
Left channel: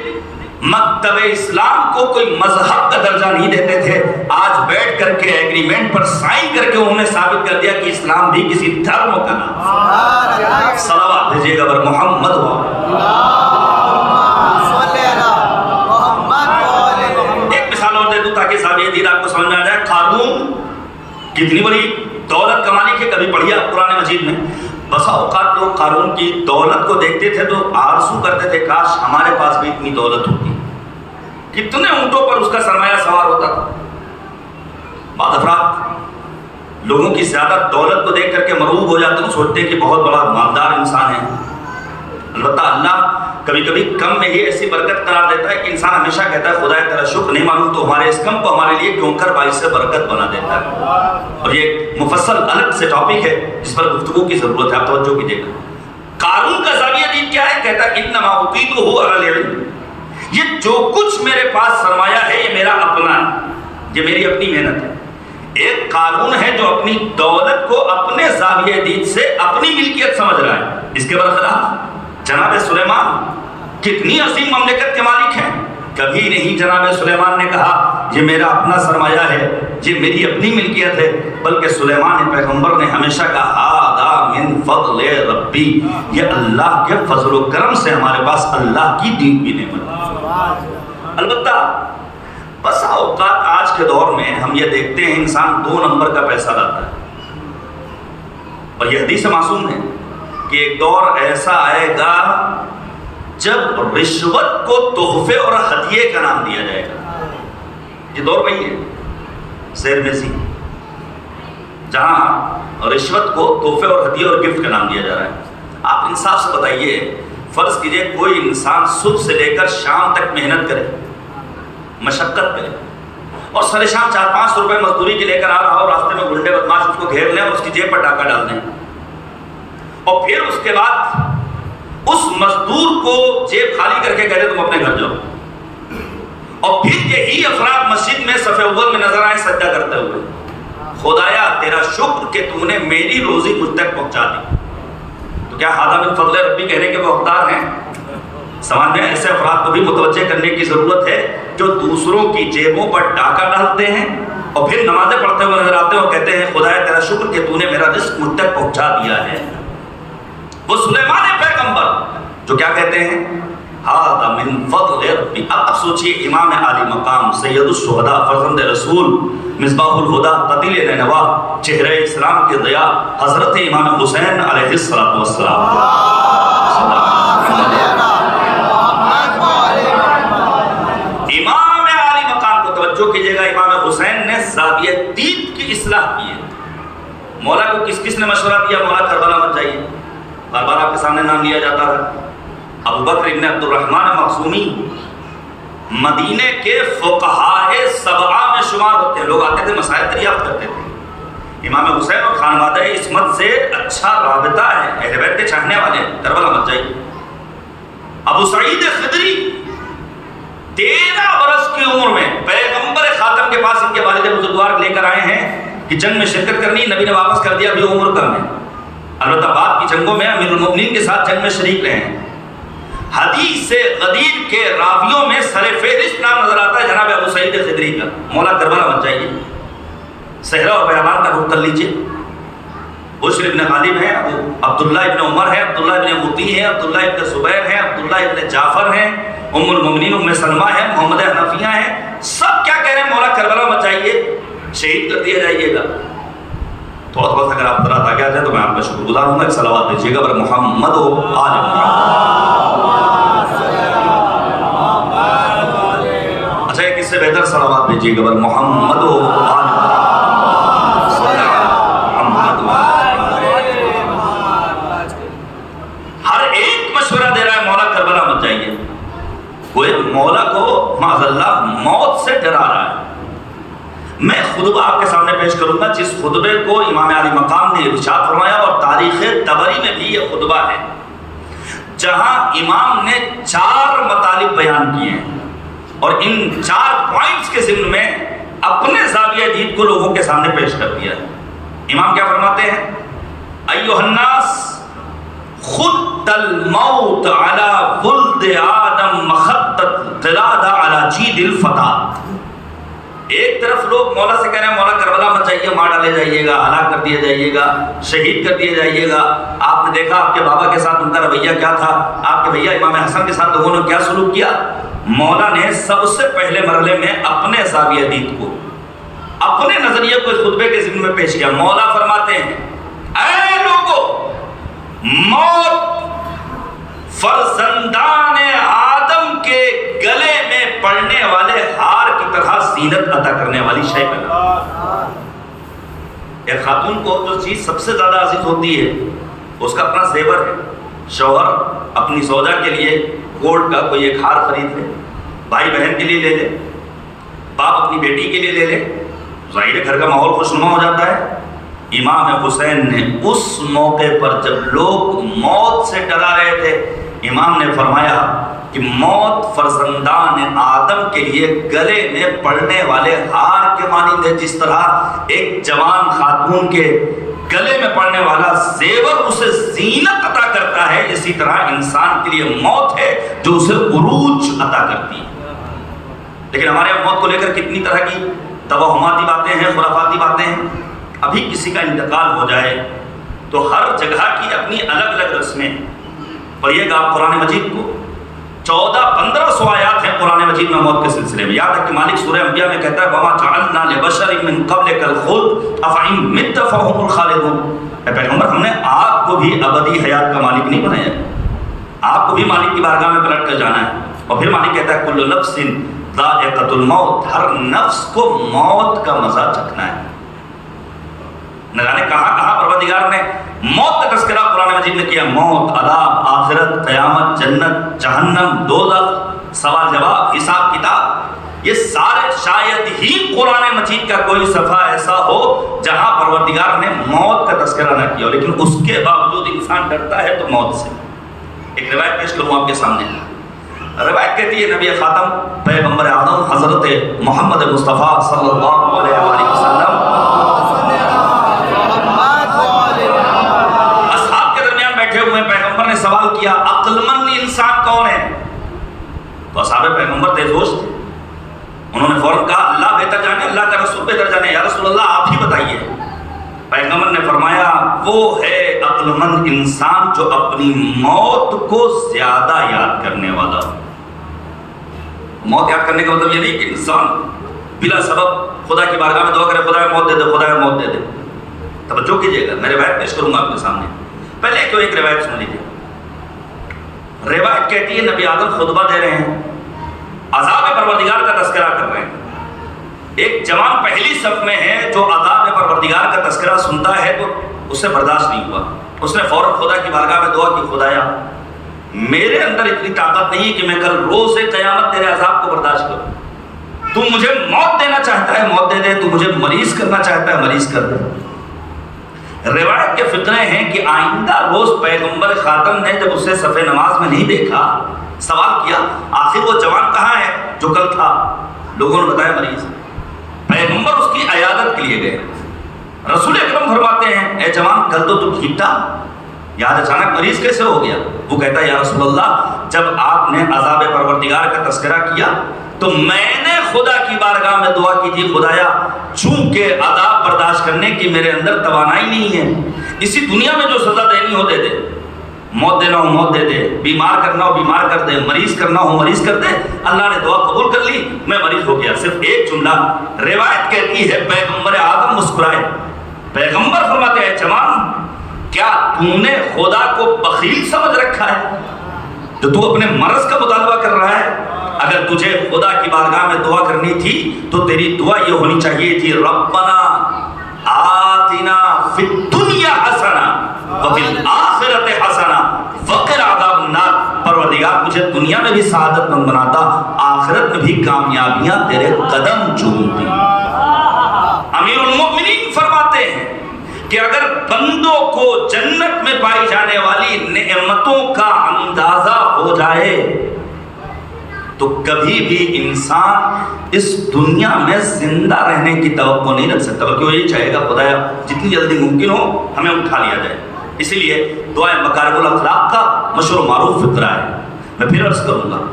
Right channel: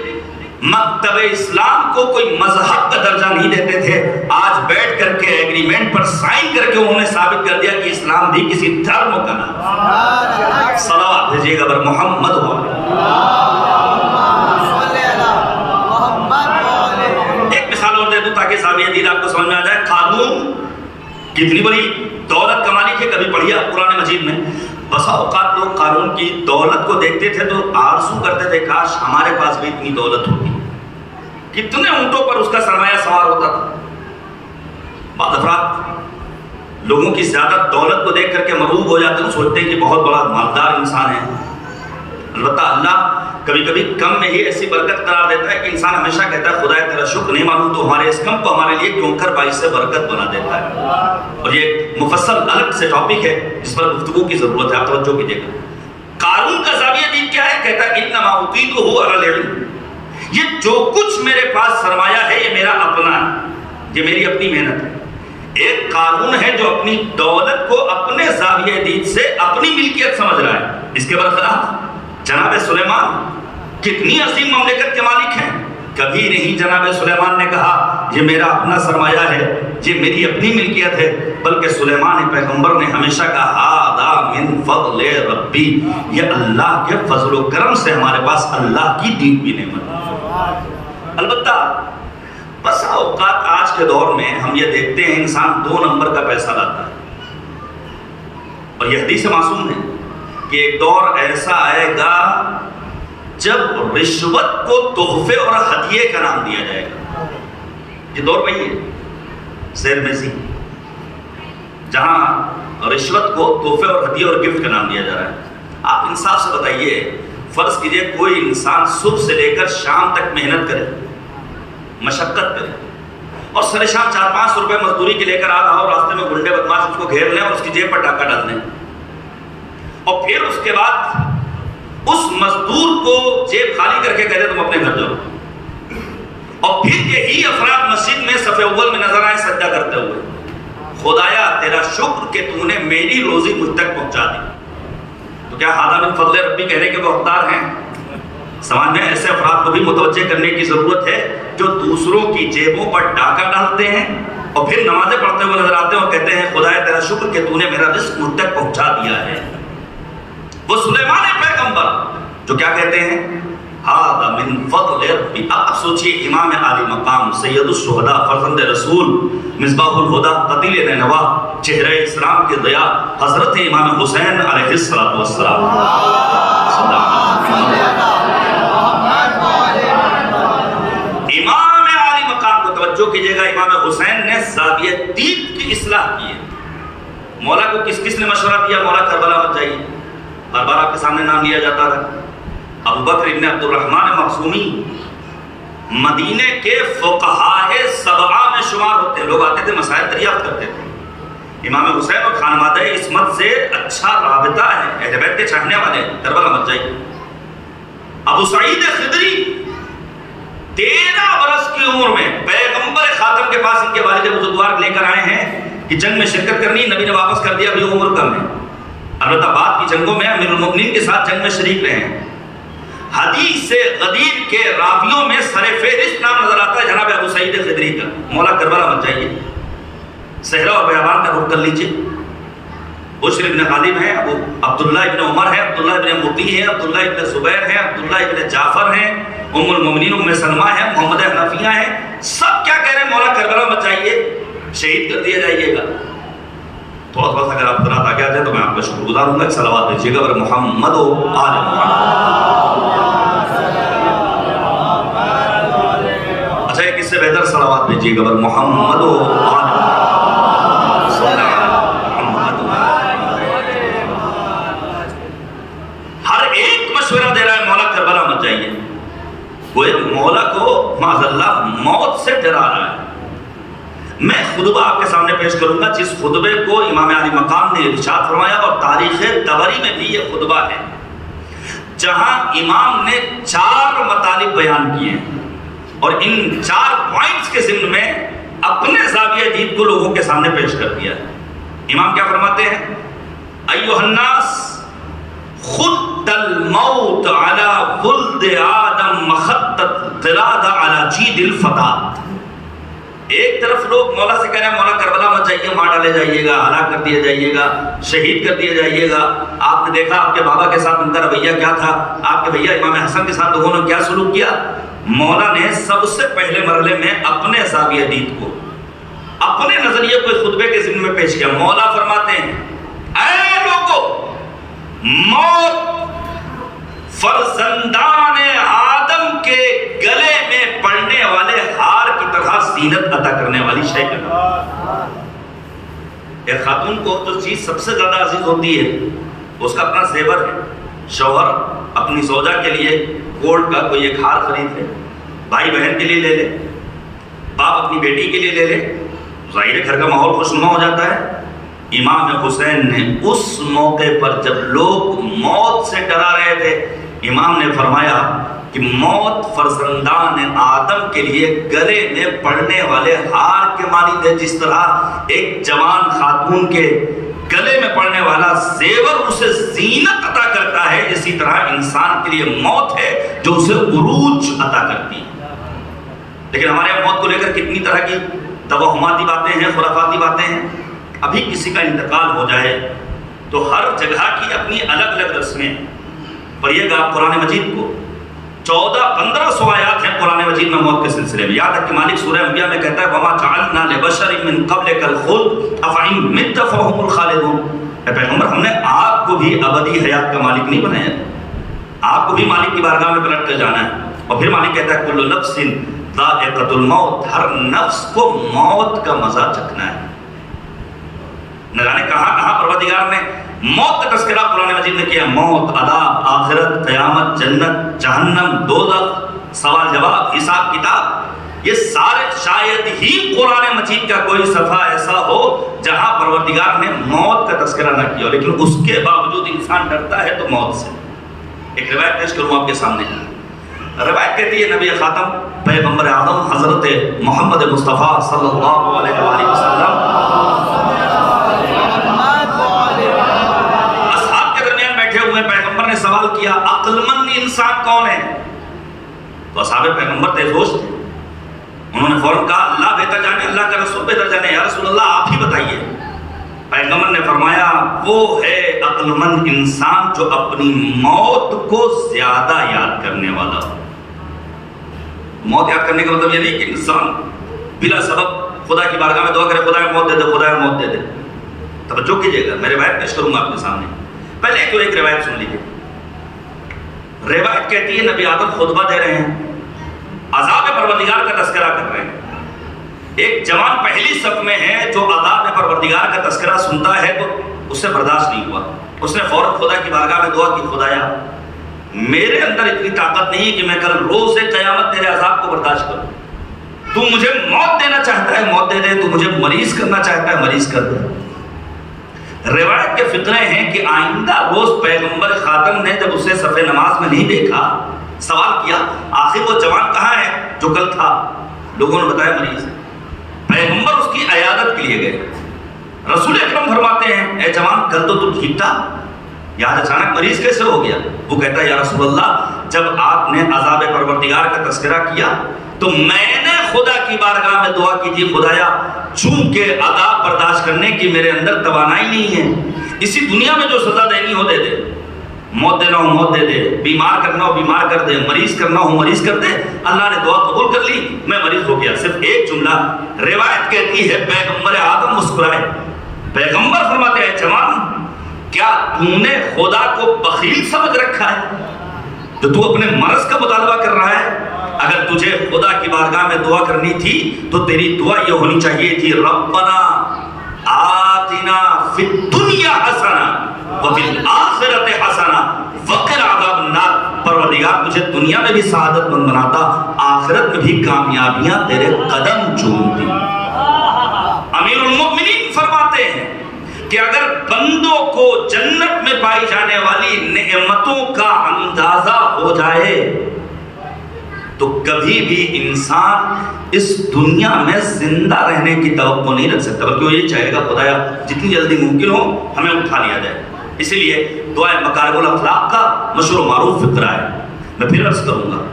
مکتب اسلام کو کوئی مذہب کا درجہ نہیں دیتے تھے، آج بیٹھ کر کے ایگریمنٹ پر سائن کر کے انہوں نے ثابت کر دیا کہ اسلام بھی کسی دھرم کا نام. صلوات بھیجیے گا بر محمد ہوا. ایک مثال اور دے دوں تاکہ زاویہ دید آپ کو سمجھ میں آ جائے. قارون کتنی بڑی دولت کمانے کی کبھی پڑھیا قرآن مجید میں. بسا اوقات لوگ قارون کی دولت کو دیکھتے تھے تو آرزو کرتے تھے کاش ہمارے پاس بھی اتنی دولت ہوتی. کتنے اونٹوں پر اس کا سرمایہ سوار ہوتا تھا. بعض افراد لوگوں کی زیادہ دولت کو دیکھ کر کے مرعوب ہو جاتے ہیں، سوچتے ہیں کہ بہت بڑا مالدار انسان ہے. البتہ اللہ کبھی کبھی کم میں ہی ایسی برکت قرار دیتا ہے کہ انسان ہمیشہ کہتا ہے خدا تیرا شکر نہیں مانوں تو ہمارے اس کم کو ہمارے لیے کیوں کر باعث سے برکت بنا دیتا ہے. اور یہ مفصل الگ سے ٹاپک ہے جس پر گفتگو کی ضرورت ہے، آپ توجہ کیجیے گا. قارون کا زاویہ دید کیا ہے؟ کہتا ہے انما اوتیتہ علی العلم، یہ جو کچھ میرے پاس سرمایہ ہے یہ میرا اپنا ہے، یہ میری اپنی محنت ہے. ایک قارون ہے جو اپنی دولت کو اپنے زاویہ دید سے اپنی ملکیت سمجھ رہا ہے. اس کے برخلاف جناب سلیمان کتنی عظیم مملکت کے مالک ہیں. کبھی نہیں جناب سلیمان نے کہا یہ میرا اپنا سرمایہ ہے، یہ میری اپنی ملکیت ہے، بلکہ سلیمان پیغمبر نے ہمیشہ کہا ھذا من فضل ربی، یہ اللہ کے فضل و کرم سے ہمارے پاس اللہ کی دی ہوئی نعمت ہے. البتہ بس اوقات آج کے دور میں ہم یہ دیکھتے ہیں انسان 2 نمبر کا پیسہ لاتا ہے. اور یہ حدیث معصوم ہے کہ ایک دور ایسا آئے گا جب رشوت کو تحفے اور ہدیے کا نام دیا جائے گا. یہ دور وہی ہے زیر میزی، جہاں رشوت کو تحفے اور ہدیے اور گفٹ کا نام دیا جا رہا ہے. آپ انصاف سے بتائیے، فرض کیجئے کوئی انسان صبح سے لے کر شام تک محنت کرے، مشقت کرے، اور سر شام 4-500 روپے مزدوری کی لے کر آ رہا ہو، راستے میں گنڈے بدماش اس کو گھیر لیں اور اس کی جیب پر ڈاکہ ڈال دیں، اور پھر اس کے بعد اس مزدور کو جیب خالی کر کے کہتے تم اپنے گھر جاؤ، اور پھر یہی افراد مسجد میں صف اول میں نظر آئے سجدہ کرتے ہوئے خدایا تیرا شکر کہ تم نے میری روزی مجھ تک پہنچا دی. تو کیا ھذا من فضل ربی کہنے کے وہ حقدار ہیں؟ سمجھ میں ایسے افراد کو بھی متوجہ کرنے کی ضرورت ہے جو دوسروں کی جیبوں پر ڈاکہ ڈالتے ہیں اور پھر نمازیں پڑھتے ہوئے نظر آتے ہیں اور کہتے ہیں خدایا تیرا شکر کہ تو نے میرا رزق مجھ تک پہنچا دیا ہے. وہ سلیمان پیغمبر جو کیا کہتے ہیں ھذا من فضل ربی. اب سوچئے امام عالی مقام سید الشہداء فرزند رسول مصباح الہدیٰ قتیل نینوا چہرہ اسلام کے ضیاء حضرت امام حسین علیہ السلام. امام عالی مقام کو توجہ کیجئے گا، امام حسین نے زاویہ دید کی اصلاح کی ہے. مولا کو کس نے مشورہ دیا؟ مولا کربلا مت جائیے، بار بار آپ کے سامنے نام لیا جاتا ہے. ابو بکر ابن عبد الرحمن مخزومی مدینے کے فقہائے 7 میں شمار ہوتے ہیں. لوگ آتے تھے مسائل دریافت کرتے تھے. امام حسین اور خانوادہ عصمت سے اچھا رابطہ ہے، اہل بیت کے چاہنے والے، کربلا مت جائیے. ابو سعید خدری 13 برس کی عمر میں پیغمبر خاتم کے پاس ان کے والد بزرگوار لے کر آئے ہیں کہ جنگ میں شرکت کرنی، نبی نے واپس کر دیا، ابھی عمر کم ہے. البتہ بعد کی جنگوں میں امیر المؤمنین کے ساتھ جنگ میں شریک رہے ہیں. حدیث غدیر کے راویوں میں سر فہرست نام نظر آتا ہے جناب ابو سعید خدری کا. مولا کربلا مت جائیے، صحرا اور بیابان کا رخ کر لیجیے. بشر ابن غالب ہیں، ابو عبداللہ ابن عمر ہیں، عبداللہ ابن مطیع ہیں، عبداللہ ابن زبیر ہیں، عبداللہ ابن جعفر ہیں، ام المؤمنین ام سلمہ ہیں، محمد حنفیہ ہیں. سب کیا کہہ رہے ہیں؟ مولا کربلا مت جائیے. شہید کر دیا جائیے گا. تھوڑا تھوڑا اگر آپ ذرا آگے آ جائیں تو میں آپ کا شکر گزار ہوں گا. ایک صلوات بھیجیے گا بر محمد و آل محمد. اچھا ایک اس سے بہتر صلوات بھیجیے گا بر محمد و آل محمد. صلی محمد و ہر ایک مشورہ دے رہا ہے مولا کربلا مت جائیے. گویا مولا کو معاذ اللہ موت سے ڈرا رہا ہے. میں خطبہ آپ کے سامنے پیش کروں گا جس خطبے کو امام علی مقام نے ارشاد فرمایا اور تاریخ طبری میں بھی یہ خطبہ ہے جہاں امام نے 4 مطالب بیان کیے ہیں اور ان 4 پوائنٹس کے ضمن میں اپنے زاویہ دید کو لوگوں کے سامنے پیش کر دیا ہے. امام کیا فرماتے ہیں؟ ایھا الناس خط الموت علی ولد آدم مخط القلادہ علی جید الفتاة. ایک طرف لوگ مولا سے کہہ رہے ہیں مولا کربلا مت جائیے، مار ڈالے جائیے گا، ہلاک کر دیے جائیے گا، شہید کر دیے جائیے گا. آپ نے دیکھا آپ کے بابا کے ساتھ ان کا رویہ کیا تھا، آپ کے بھیا امام حسن کے ساتھ لوگوں نے کیا سلوک کیا. مولا نے سب سے پہلے مرحلے میں اپنے زاویہ دید کو، اپنے نظریے کو اس خطبے کے ضمن میں پیش کیا. مولا فرماتے ہیں اے لوگو، موت فرزندان آدم کے گلے میں پڑنے والے ہار کی طرح زینت عطا کرنے والی شے ہے. ایک خاتون کو جو چیز سب سے زیادہ عزیز ہوتی ہے اس کا اپنا زیور ہے. شوہر اپنی زوجہ کے لیے گولڈ کا کوئی ایک ہار خرید لے، بھائی بہن کے لیے لے لے، باپ اپنی بیٹی کے لیے لے لے، ظاہر گھر کا ماحول خوشنما ہو جاتا ہے. امام حسین نے اس موقع پر جب لوگ موت سے ڈرا رہے تھے، امام نے فرمایا کہ موت فرزندان آدم کے لیے گلے میں پڑنے والے ہار کے مانند ہے. جس طرح ایک جوان خاتون کے گلے میں پڑنے والا زیور اسے زینت عطا کرتا ہے، اسی طرح انسان کے لیے موت ہے جو اسے عروج عطا کرتی ہے. لیکن ہمارے موت کو لے کر کتنی طرح کی توہماتی باتیں ہیں، خرافاتی باتیں ہیں. ابھی کسی کا انتقال ہو جائے تو ہر جگہ کی اپنی الگ الگ رسمیں. پڑھیے گا آپ قرآن مجید کو، 1400-1500 آیات ہیں قرآن مجید میں موت کے سلسلے میں. یاد ہے کہ مالک سورہ انبیاء میں کہتا ہے وَمَا جَعَلْنَا لِبَشَرٍ مِّن قَبْلِكَ الْخُلْدَ أَفَإِن مِتَّ فَهُمُ الْخَالِدُونَ. اے پیغمبر، ہم نے آپ کو بھی ابدی حیات کا مالک نہیں بنایا، آپ کو بھی مالک کی بارگاہ میں پلٹ کر جانا ہے. اور پھر مالک کہتا ہے كُلُّ نَفْسٍ ذَائِقَةُ الْمَوْتِ، ہر نفس کو موت کا مزہ چکھنا ہے. نہ جانے کہاں کہاں پروردگار نے موت کا تذکرہ قرآن مجید میں کیا. موت، عذاب، آخرت، قیامت، جنت، جہنم، دوزخ، سوال جواب، حساب کتاب، یہ سارے شاید ہی قرآن مجید کا کوئی صفحہ ایسا ہو جہاں پروردگار نے موت کا تذکرہ نہ کیا. لیکن اس کے باوجود انسان ڈرتا ہے تو موت سے. ایک روایت پیش کروں آپ کے سامنے. روایت کہتی ہے نبی خاتم پیغمبر اعظم حضرت محمد مصطفیٰ صلی اللہ علیہ وآلہ وسلم پیغمبر نے سوال کیا عقل مند انسان کون ہے؟ تو اصحاب پیغمبر تھے، دوست تھے. انہوں نے فوراً کہا اللہ بہتر جانے، اللہ کا رسول بہتر جانے، یا رسول اللہ آپ ہی بتائیے. پیغمبر نے فرمایا وہ ہے عقل مند انسان جو اپنی موت کو زیادہ یاد کرنے والا ہو. موت یاد کرنے کا مطلب یہ نہیں کہ انسان بلا سبب خدا کی بارگاہ میں دعا کرے خدا موت دے دے، خدا موت دے دے. توجہ کیجیے گا، میں روایت پیش کروں گا آپ کے سامنے. پہلے تو ایک روایت سن لیجیے. روایت کہتی ہے نبی آدم خطبہ دے رہے ہیں، عذاب پروردگار کا تذکرہ کر رہے ہیں. ایک جوان پہلی صف میں ہے جو عذاب پروردگار کا تذکرہ سنتا ہے تو اس سے برداشت نہیں ہوا. اس نے فوراً خدا کی بارگاہ میں دعا کی خدایا میرے اندر اتنی طاقت نہیں کہ میں کل روز قیامت تیرے عذاب کو برداشت کروں. تو مجھے موت دینا چاہتا ہے موت دے دے، تو مجھے مریض کرنا چاہتا ہے مریض کر دے. روایت کے فتنے ہیں کہ آئندہ روز پیغمبر خاتم نے جب اسے صف نماز میں نہیں دیکھا سوال کیا آخر وہ جوان کہاں ہے جو کل تھا؟ لوگوں نے بتایا مریض. پیغمبر اس کی عیادت کے لیے گئے. رسول اکرم فرماتے ہیں اے جوان کل تو ٹھیک تھا، یاد اچانک مریض کیسے ہو گیا؟ وہ کہتا ہے یا رسول اللہ جب آپ نے عذاب پروردگار کا تذکرہ کیا تو میں نے خدا کی بارگاہ میں دعا کی تھی خدایا چونکہ عذاب برداشت کرنے کی میرے اندر توانائی نہیں ہے، اسی دنیا میں جو سزا دینی ہو دے دے. موت دینا ہو موت دے دے، بیمار کرنا ہو بیمار کر دے، مریض کرنا ہو مریض کر دے۔ اللہ نے دعا قبول کر لی، میں مریض ہو گیا۔ صرف ایک جملہ روایت کہتی ہے پیغمبر آدم مسکرائے، پیغمبر فرماتے ہیں جوان کیا تو نے خدا کو بخیل سمجھ رکھا ہے جو تو اپنے مرض کا مطالبہ کر رہا ہے؟ اگر تجھے خدا کی بارگاہ میں دعا کرنی تھی تو تیری دعا یہ ہونی چاہیے تھی ربنا آتنا فی الدنیا حسنہ وفی الآخرۃ حسنہ وقنا عذاب النار۔ پروردگار مجھے دنیا میں بھی سعادت مند بناتا، آخرت میں بھی کامیابیاں تیرے قدم چومتی۔ امیر المؤمنین فرماتے ہیں کہ اگر بندوں کو جنت میں پائی جانے والی نعمتوں کا اندازہ ہو جائے تو کبھی بھی انسان اس دنیا میں زندہ رہنے کی توقع نہیں رکھ سکتا، بلکہ وہ یہ چاہے گا خدایا جتنی جلدی ممکن ہو ہمیں اٹھا لیا جائے۔ اسی لیے دعائے مکارم الاخلاق کا مشہور و معروف فقرہ ہے۔ میں پھر عرض کروں گا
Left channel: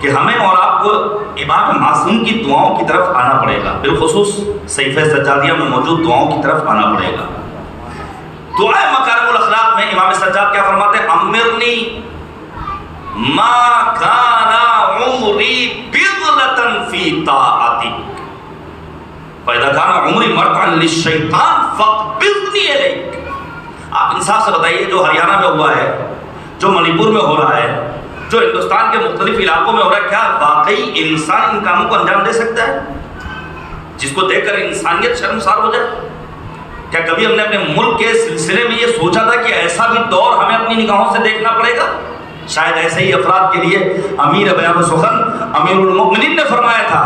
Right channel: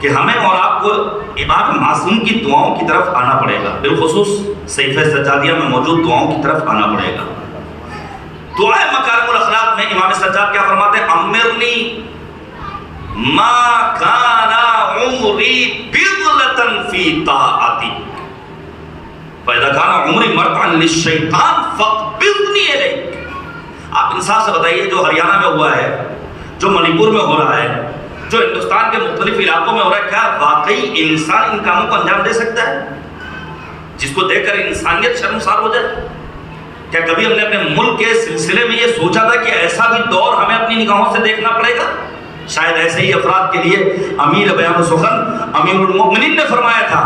کہ ہمیں اور آپ کو امام معصوم کی دعاؤں کی طرف آنا پڑے گا، بالخصوص صحیفہ سجادیہ میں موجود دعاؤں کی طرف آنا پڑے گا۔ دعائے مکارم الاخلاق میں امام سجاد کیا فرماتے ہیں؟ امرنی ما کان عمری بضلة فی طاعتک فاذا کان عمری مرتعا للشیطان فاقبضنی الیک۔ آپ انصاف سے بتائیے جو ہریانہ میں ہوا ہے، جو منی پور میں ہو رہا ہے، جو ہندوستان کے مختلف علاقوں میں ہو رہا ہے، کیا واقعی انسان ان کاموں کو انجام دے سکتا ہے جس کو دیکھ کر انسانیت شرمسار ہو جائے؟ کیا کبھی ہم نے اپنے ملک کے سلسلے میں یہ سوچا تھا کہ ایسا بھی دور ہمیں اپنی نگاہوں سے دیکھنا پڑے گا؟ شاید ایسے ہی افراد کے لیے امیر بیان سخن امیر المؤمنین نے فرمایا تھا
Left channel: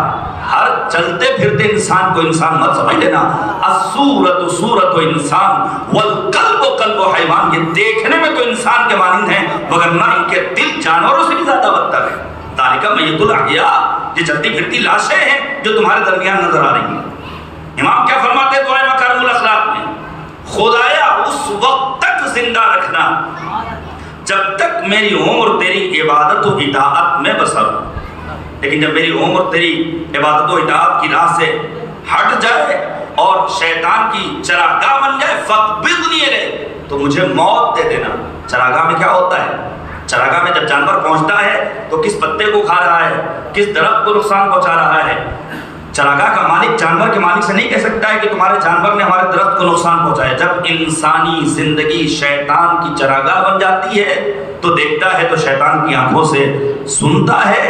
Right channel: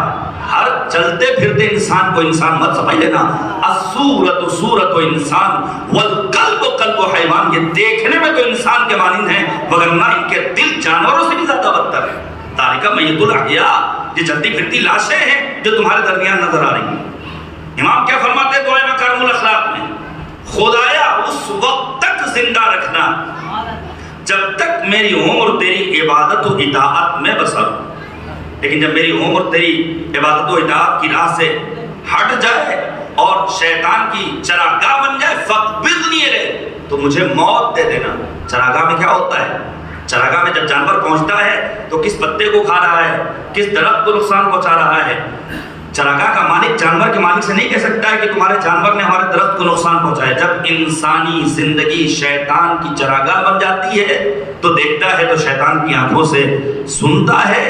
ہر چلتے پھرتے انسان کو انسان مت سمجھ لینا، الصورت صورت انسان والقلب قلب حیوان، یہ دیکھنے میں تو انسان کے مانند ہیں وگرنہ ان کے دل جانوروں سے بھی زیادہ بدتر ہے۔ ذالک میت الاحیاء، یہ چلتی پھرتی لاشیں ہیں جو تمہارے درمیان نظر آ رہی ہیں۔ امام کیا فرماتے ہیں دعائے مکارم الاخلاق میں؟ خدایا اس وقت تک زندہ رکھنا جب تک میری عمر تیری عبادت و اطاعت میں بسر، لیکن جب میری عمر تیری عبادت و اطاعت کی راہ سے ہٹ جائے اور شیطان کی چراگاہ بن جائے فاقبضنی الیک، تو مجھے موت دے دینا۔ چراگاہ میں کیا ہوتا ہے؟ چراگاہ میں جب جانور پہنچتا ہے تو کس پتے کو کھا رہا ہے، کس درخت کو نقصان پہنچا رہا ہے؟ چراگاہ کا مالک جانور کے مالک سے نہیں کہہ سکتا ہے کہ تمہارے جانور نے ہمارے درخت کو نقصان پہنچایا۔ جب انسانی زندگی شیطان کی چراگاہ بن جاتی ہے تو دیکھتا ہے تو شیطان کی آنکھوں سے، سنتا ہے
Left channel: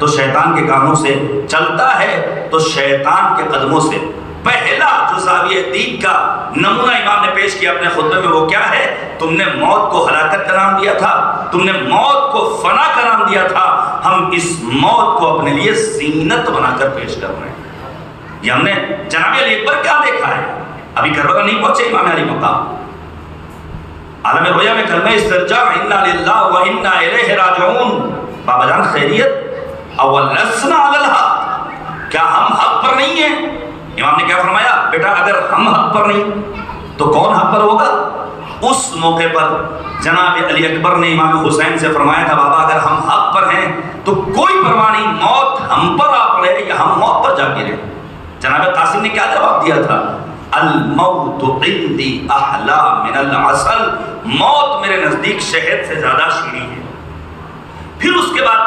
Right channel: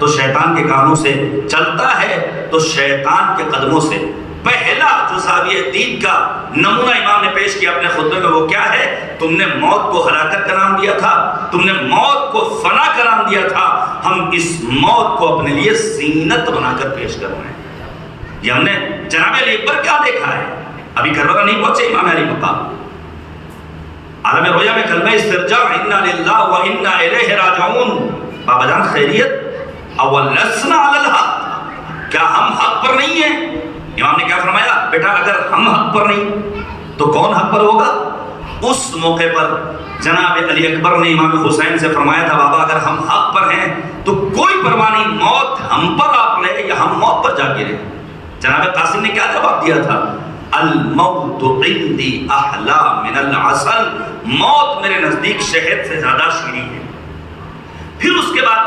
تو شیطان کے کانوں سے، چلتا ہے تو شیطان کے قدموں سے۔ پہلا جو زاویہ دید کا نمونہ امام نے پیش کیا اپنے خطبے میں وہ کیا ہے؟ تم نے موت کو ہلاکت کا نام دیا تھا، تم نے موت کو فنا کا نام دیا تھا، ہم اس موت کو اپنے لیے زینت بنا کر پیش کر رہے ہیں۔ یہ ہم نے جناب علی اکبر کیا دیکھا ہے؟ ابھی کربلا نہیں پہنچے امام علی مقام، عالم رویا میں کلمہ استرجاع انا للہ و انا الیہ راجعون۔ بابا جان خیریت، اول لسنا علی الحق، کیا ہم حق پر نہیں ہیں؟ امام نے کیا فرمایا؟ بیٹا اگر ہم حق پر نہیں تو کون حق پر ہوگا؟ اس موقع پر جناب علی اکبر نے امام حسین سے فرمایا تھا بابا اگر ہم حق پر ہیں تو کوئی پرواہ نہیں، موت ہم پر آ پڑے یا ہم موت پر جا گرے۔ جناب قاسم نے کیا جواب دیا تھا؟ الموت عندی احلی من العسل، موت میرے نزدیک شہد سے زیادہ شیریں ہے۔ پھر اس کے بعد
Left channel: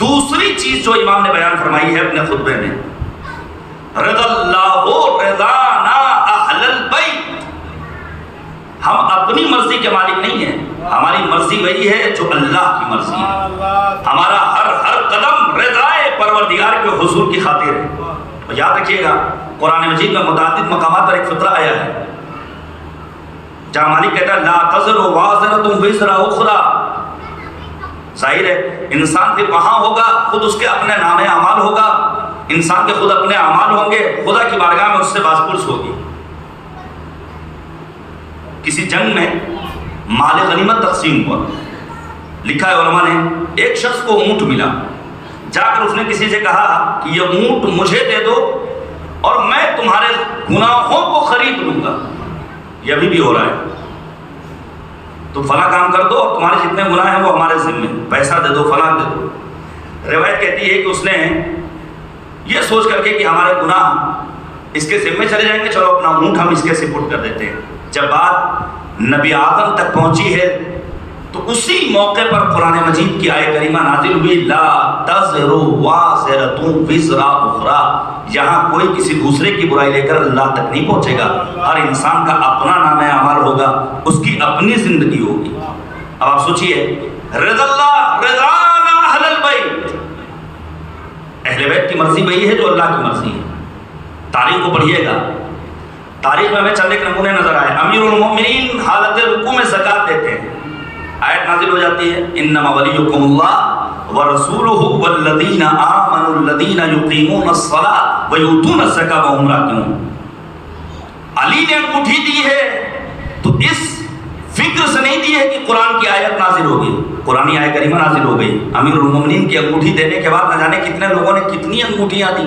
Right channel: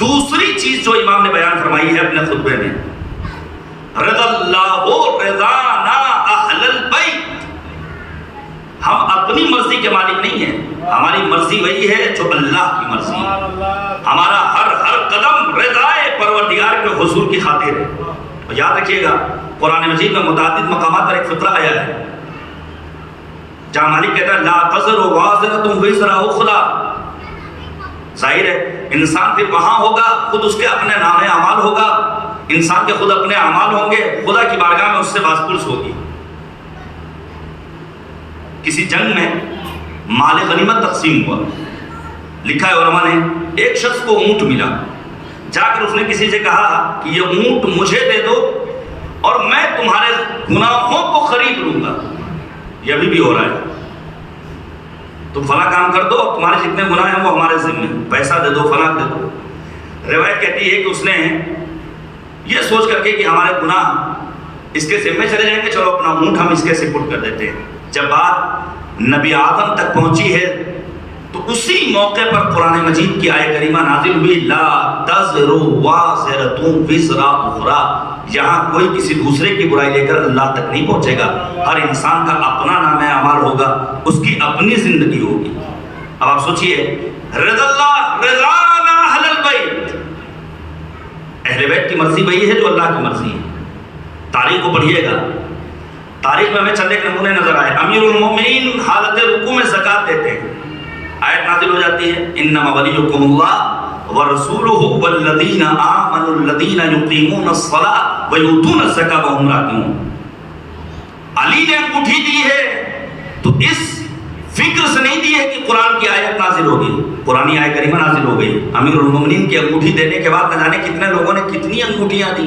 دوسری چیز جو امام نے بیان فرمائی ہے اپنے خطبے میں، رضا اللہ رضانا اہل البیت، ہم اپنی مرضی کے مالک نہیں ہیں، ہماری مرضی وہی ہے جو اللہ کی مرضی ہے۔ ہمارا ہر قدم رضائے پروردگار کے حضور کی خاطر ہے۔ یاد رکھیے گا قرآن مجید میں متعدد مقامات پر ایک فقرہ آیا ہے جہاں مالک کہتا ہے لا تزر وازرۃ وزر اخری، ظاہر ہے انسان پھر وہاں ہوگا، خود اس کے اپنے نام اعمال ہوگا، انسان کے خود اپنے اعمال ہوں گے، خدا کی بارگاہ میں اس سے باز پرس ہوگی۔ کسی جنگ میں مال غنیمت تقسیم ہوا، لکھا ہے علماء نے ایک شخص کو اونٹ ملا، جا کر اس نے کسی سے کہا کہ یہ اونٹ مجھے دے دو اور میں تمہارے گناہوں کو خرید لوں گا۔ یہ ابھی بھی ہو رہا ہے، تم فلاں کام کر دو اور تمہارے جتنے گناہ ہیں وہ ہمارے ذمہ، پیسہ دے دو فلاں دے دو۔ روایت کہتی ہے کہ اس نے یہ سوچ کر کے کہ ہمارے گناہ اس کے ذمہ چلے جائیں گے، چلو اپنا اونٹ ہم اس کے سپرد کر دیتے ہیں۔ جب بات نبی آدم تک پہنچی ہے تو اسی موقع پر قرآن مجید کی آیت کریمہ نازل ہوئی، لا تزر وازرۃ وزر اخری، یہاں کوئی کسی دوسرے کی برائی لے کر اللہ تک نہیں پہنچے گا، ہر انسان کا اپنا نام اعمال ہوگا، اس کی اپنی زندگی ہوگی۔ اب آپ سوچئے، رضا اللہ رضانا اہل البیت، اہل بیت کی مرضی وہی ہے جو اللہ کی مرضی ہے۔ تاریخ کو پڑھیے گا، تاریخ میں ہمیں چند ایک نمونے نظر آئے۔ امیر المومنین حالت رکوع میں زکوٰۃ دیتے ہیں، آیت نازل ہو جاتی ہے، انما ولیکم اللہ ورسولہ والذین آمنوا الذین یقیمون الصلاۃ ویؤتون الزکاۃ وہم راکعون۔ علی نے انگوٹھی دی ہے تو اس فکر سے نہیں دی ہے کہ قرآن کی آیت نازل ہوگی، قرآن آیت کریمہ نازل ہو گئی۔ امیر المومنین کی انگوٹھی دینے کے بعد نہ جانے کتنے لوگوں نے کتنی انگوٹھیاں دی،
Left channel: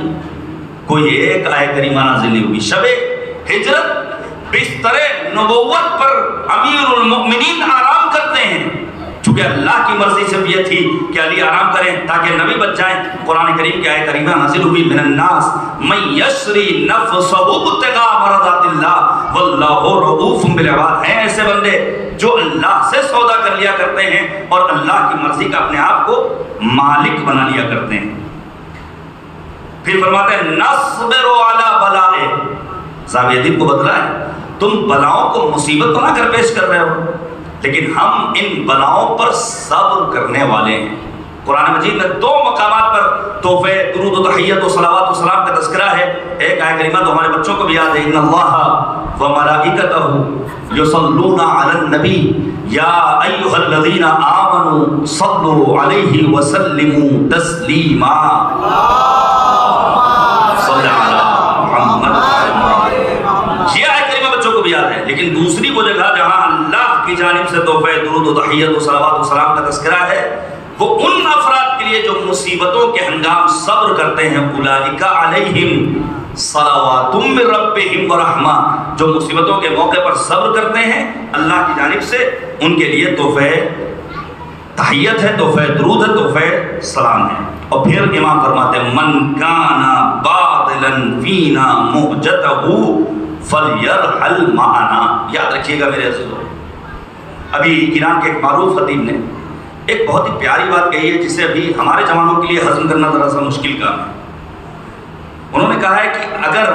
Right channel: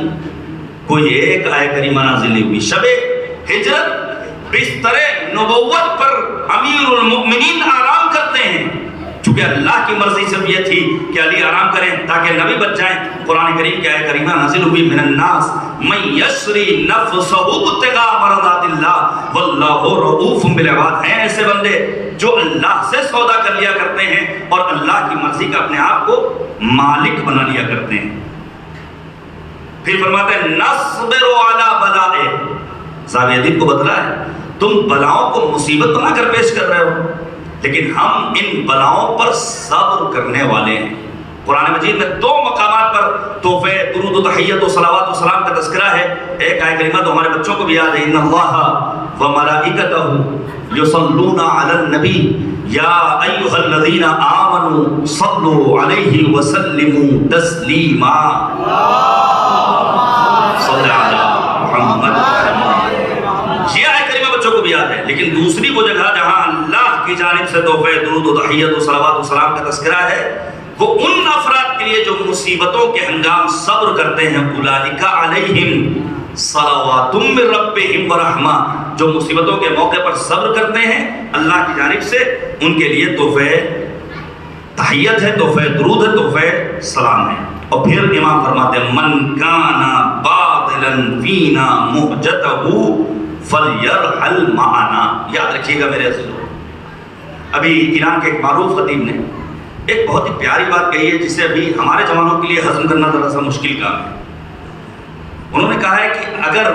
کوئی ایک آیت کریمہ نازل نہیں ہوئی۔ شب ہجرت بستر نبوت پر امیر المؤمنین آرام کرتے ہیں، چونکہ اللہ کی مرضی سے بھی یہ تھی کہ علی آرام کریں تاکہ نبی بچ جائیں۔ قرآن کریم کی آیت کریمہ نازل ہوئی، من الناس من یشری نفسہ ابتغاء مرضات اللہ واللہ رؤوف بالعباد، ہیں ایسے بندے جو اللہ سے سودا کر لیا کرتے ہیں اور اللہ کی مرضی کا اپنے آپ کو مالک بنا لیا کرتے ہیں۔ پھر فرماتے ہیں نصبر علی بلائے، زاویہ دین کو بدلا ہے، تم بلاؤں کو مصیبت بنا کر پیش کر رہے ہو، لیکن ہم ان بلاؤں پر صبر کرنے والے ہیں۔ قرآن مجید میں دو مقامات پر تحفے درود و تحیت و صلوات و سلام کا تذکرہ ہے۔ ایک آیت کریمہ تو ہمارے بچوں کو بھی یاد ہے، ان اللہ و ملائکتہ یصلون علی النبی یا ایھا الذین آمنوا صلوا علیہ وسلموا تسلیما، صلی علی محمد۔ یہ آیت کریمہ بچوں کو بھی یاد ہے، لیکن دوسری وہ جگہ جہاں اللہ کی جانب سے تحفے درود و تحیت و صلوات و سلام کا تذکرہ ہے، وہ ان افراد کے لیے جو مصیبتوں کے ہنگام صبر کرتے ہیں، اولئک علیہم صلوات من ربہم ورحمہ، جو مصیبتوں کے موقع پر صبر کرتے ہیں اللہ کی جانب سے، ان کے لیے تحفے تحیت ہے، تحفے درود ہے، تحفے سلام ہے۔ اور پھر امام فرماتے ہیں من کان باطلا فینا مہجتہ فلیرحل معنا۔ یاد رکھیے گا میرے عزیزو، ابھی ایران کے ایک معروف خطیب نے ایک بہت ہی پیاری بات کہی ہے جسے ابھی ہمارے جوانوں کے لیے ہضم کرنا ذرا سا مشکل کام ہے۔ انہوں نے کہا ہے کہ اگر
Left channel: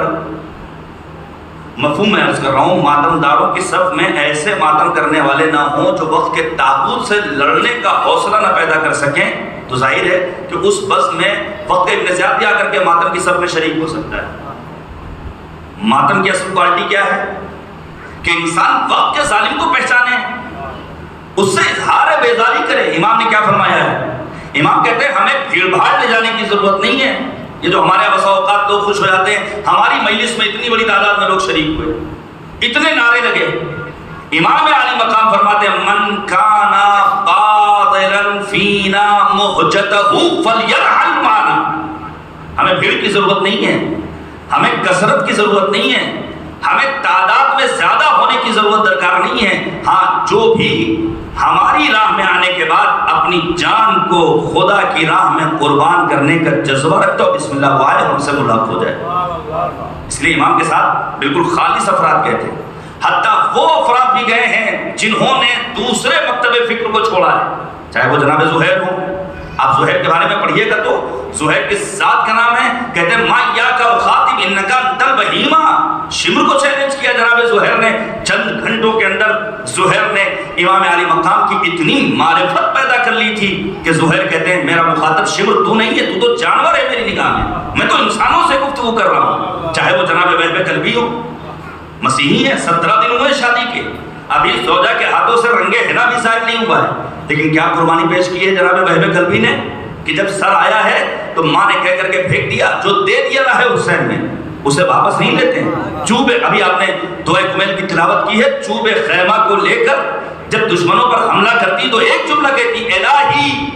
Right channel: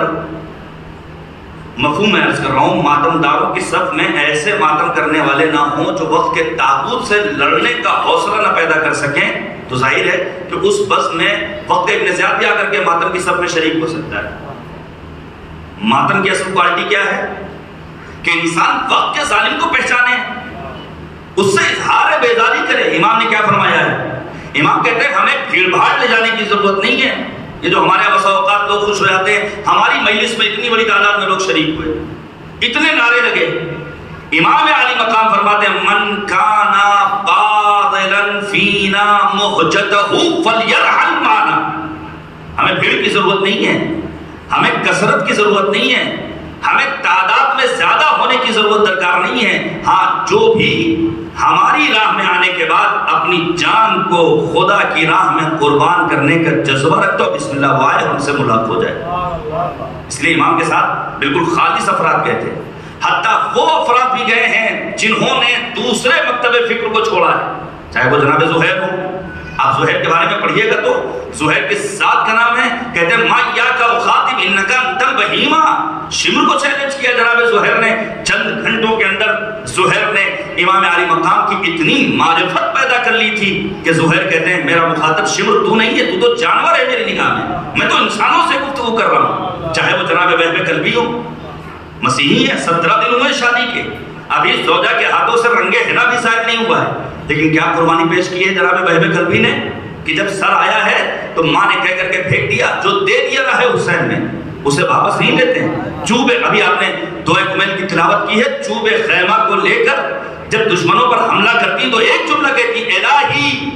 مفہوم میں عرض کر رہا ہوں، ماتم داروں کی صف میں ایسے ماتم کرنے والے نہ ہوں جو وقت کے تاغوت سے لڑنے کا حوصلہ نہ پیدا کر سکیں، تو ظاہر ہے کہ اس بس میں وقت ابن زیاد بھی آ کر کے ماتم کی صف میں شریک ہو سکتا ہے۔ ماتم کی اصل کوالٹی کیا ہے کہ انسان وقت کے ظالم کو پہچانے، اس سے اظہار بیداری کرے۔ امام نے کیا فرمایا ہے؟ امام کہتے ہیں ہمیں بھیڑ بھاڑ لے جانے کی ضرورت نہیں ہے۔ یہ جو ہمارے بسا اوقات لوگ خوش ہو جاتے ہیں، ہماری مجلس میں اتنی بڑی تعداد میں لوگ شریک ہوئے، اتنے نعرے لگے، امام علی مقام فرماتے ہیں من کان باطلا فینا مہجتہ فلیرحل معنا۔ ہمیں بھیڑ کی ضرورت نہیں ہے، ہمیں کثرت کی ضرورت نہیں ہے، ہمیں تعداد میں زیادہ ہونے کی ضرورت درکار نہیں ہے۔ ہاں، جو بھی ہماری راہ میں آنے کے بعد اپنی جان کو خدا کی راہ میں قربان کرنے کا جذبہ رکھتا ہو، بسم اللہ وائے ہم سے ملاقات ہو جائے۔ اس لیے امام کے ساتھ بالکل خالص افراد گئے تھے، حتیٰ وہ افراد بھی گئے ہیں جنہوں نے دوسرے مکتب فکر کو چھوڑا ہے، چاہے وہ جناب زہیر ہوں۔ آپ زہیر کے بارے میں پڑھیے گا تو زہیر کے ذات کا نام ہے، کہتے ہیں ما ایاک اخاطب انکا انت البہیمہ۔ شمر کو چیلنج کیا جناب زہیر نے، چند گھنٹوں کے اندر زہیر نے امام علی مقام کی اتنی معرفت پیدا کر لی تھی کہ زہیر کہتے ہیں میرا مخاطب شمر تو نہیں ہے، تو تو جانور ہے میری نگاہ میں تو انسانوں سے گفتگو کر رہا ہوں، چاہے وہ جناب وہب کلبی ہو، مسیحی ہے، 17 دن ہوئے شادی کے، ابھی زوجہ کے ہاتھوں سے رنگے حنا بھی شاید نہیں ہوا ہے، لیکن کیا قربانی پیش کی ہے جناب وہب کلبی نے کہ جب سر آیا ہے تو ماں نے کہہ کر کے پھینک دیا، جو دے دیا نہ ہے حسین نے اسے واپس نہیں لیتے ہیں۔ چوب ابھی آپ نے دعائے کمیل کی تلاوت کی ہے، چوب خیمہ کو لے کر جب دشمنوں پر حملہ کرتی تو ایک جملہ کہتی الہی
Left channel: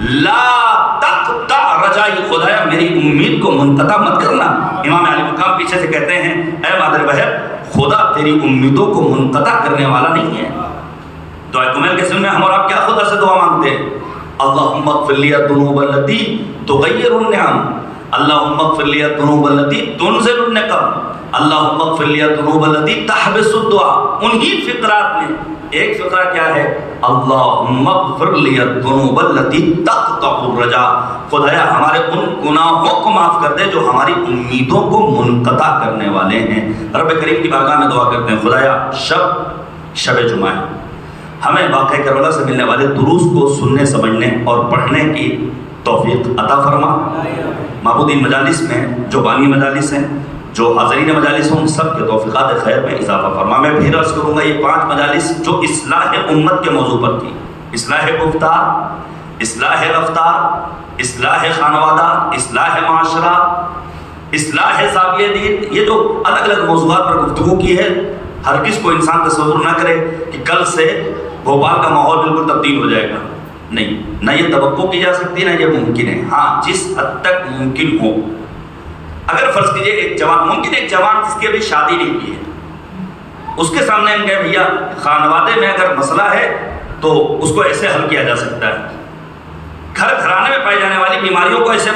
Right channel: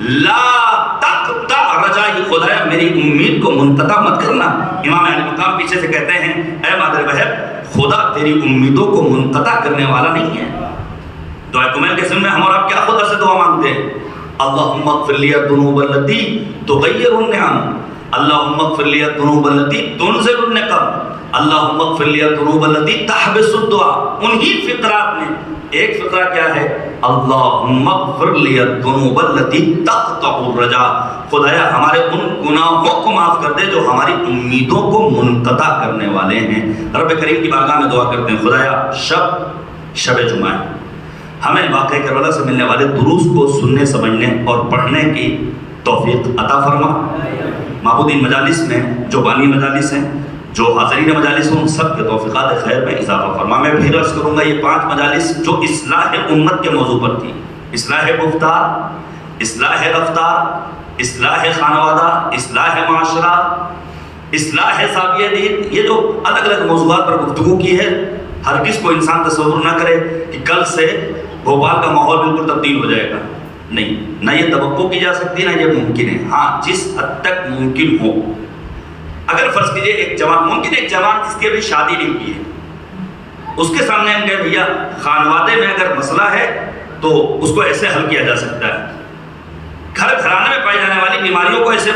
لا تقطع رجائی، خدایا میری امید کو منقطع مت کرنا۔ امام علی مقام پیچھے سے کہتے ہیں اے مادر وہب، خدا تیری امیدوں کو منقطع کرنے والا نہیں ہے۔ دعائے کمیل کے سن میں ہم اور آپ کیا خدا سے دعا مانگتے ہیں؟ اللہم اغفر لی الذنوب التی تغیر النعم، اللہم اغفر لی الذنوب التی تنزل النقم، اللہم اغفر لی الذنوب التی تحبس الدعا۔ انہی فطرات میں ایک فطرہ کیا ہے اللہم اغفر لی الذنوب التی تقطع الرجا، خدایا ہمارے ان گناہوں کو معاف کر دے جو ہماری امیدوں کو منقطع کرنے والے ہیں۔ رب کریم کی بارگاہ میں دعا کرتے ہیں، خدایا شب جمعہ ہے، ہمیں واقعہ کربلا سے ملنے والے دروس کو سننے سمجھنے اور پڑھنے کی توفیق عطا فرما۔ معبودین مجالس میں جو بانی مجالس ہیں، جو حاضرین مجالس ہیں، ان سب کے توفیقات خیر میں اضافہ فرما۔ میں پھر عرض کروں گا، یہ 5 مجالس جو اصلاح امت کے موضوع پر تھی، اصلاح گفتار، اصلاح رفتار، اصلاح خانوادہ، اصلاح معاشرہ، اصلاح زاویہ دید، یہ جو الگ الگ موضوعات پر گفتگو کی ہے، ہر کس کو انسان تصور نہ کرے کہ کل سے بھوپال کا ماحول بالکل تبدیل ہو جائے گا، نہیں، نہ یہ توقع کی جا سکتی نہ یہ ممکن ہے۔ ہاں، جس حد تک ممکن ہو، اگر فرض کیجئے ایک جوان جس کی ابھی شادی نہیں ہوئی ہے، اس کے سامنے ہم کہیں بھیا خانوادے میں اگر مسئلہ ہے تو اس کو ایسے حل کیا جا سکتا ہے، گھرانے میں پائی جانے والی بیماریوں کو ایسے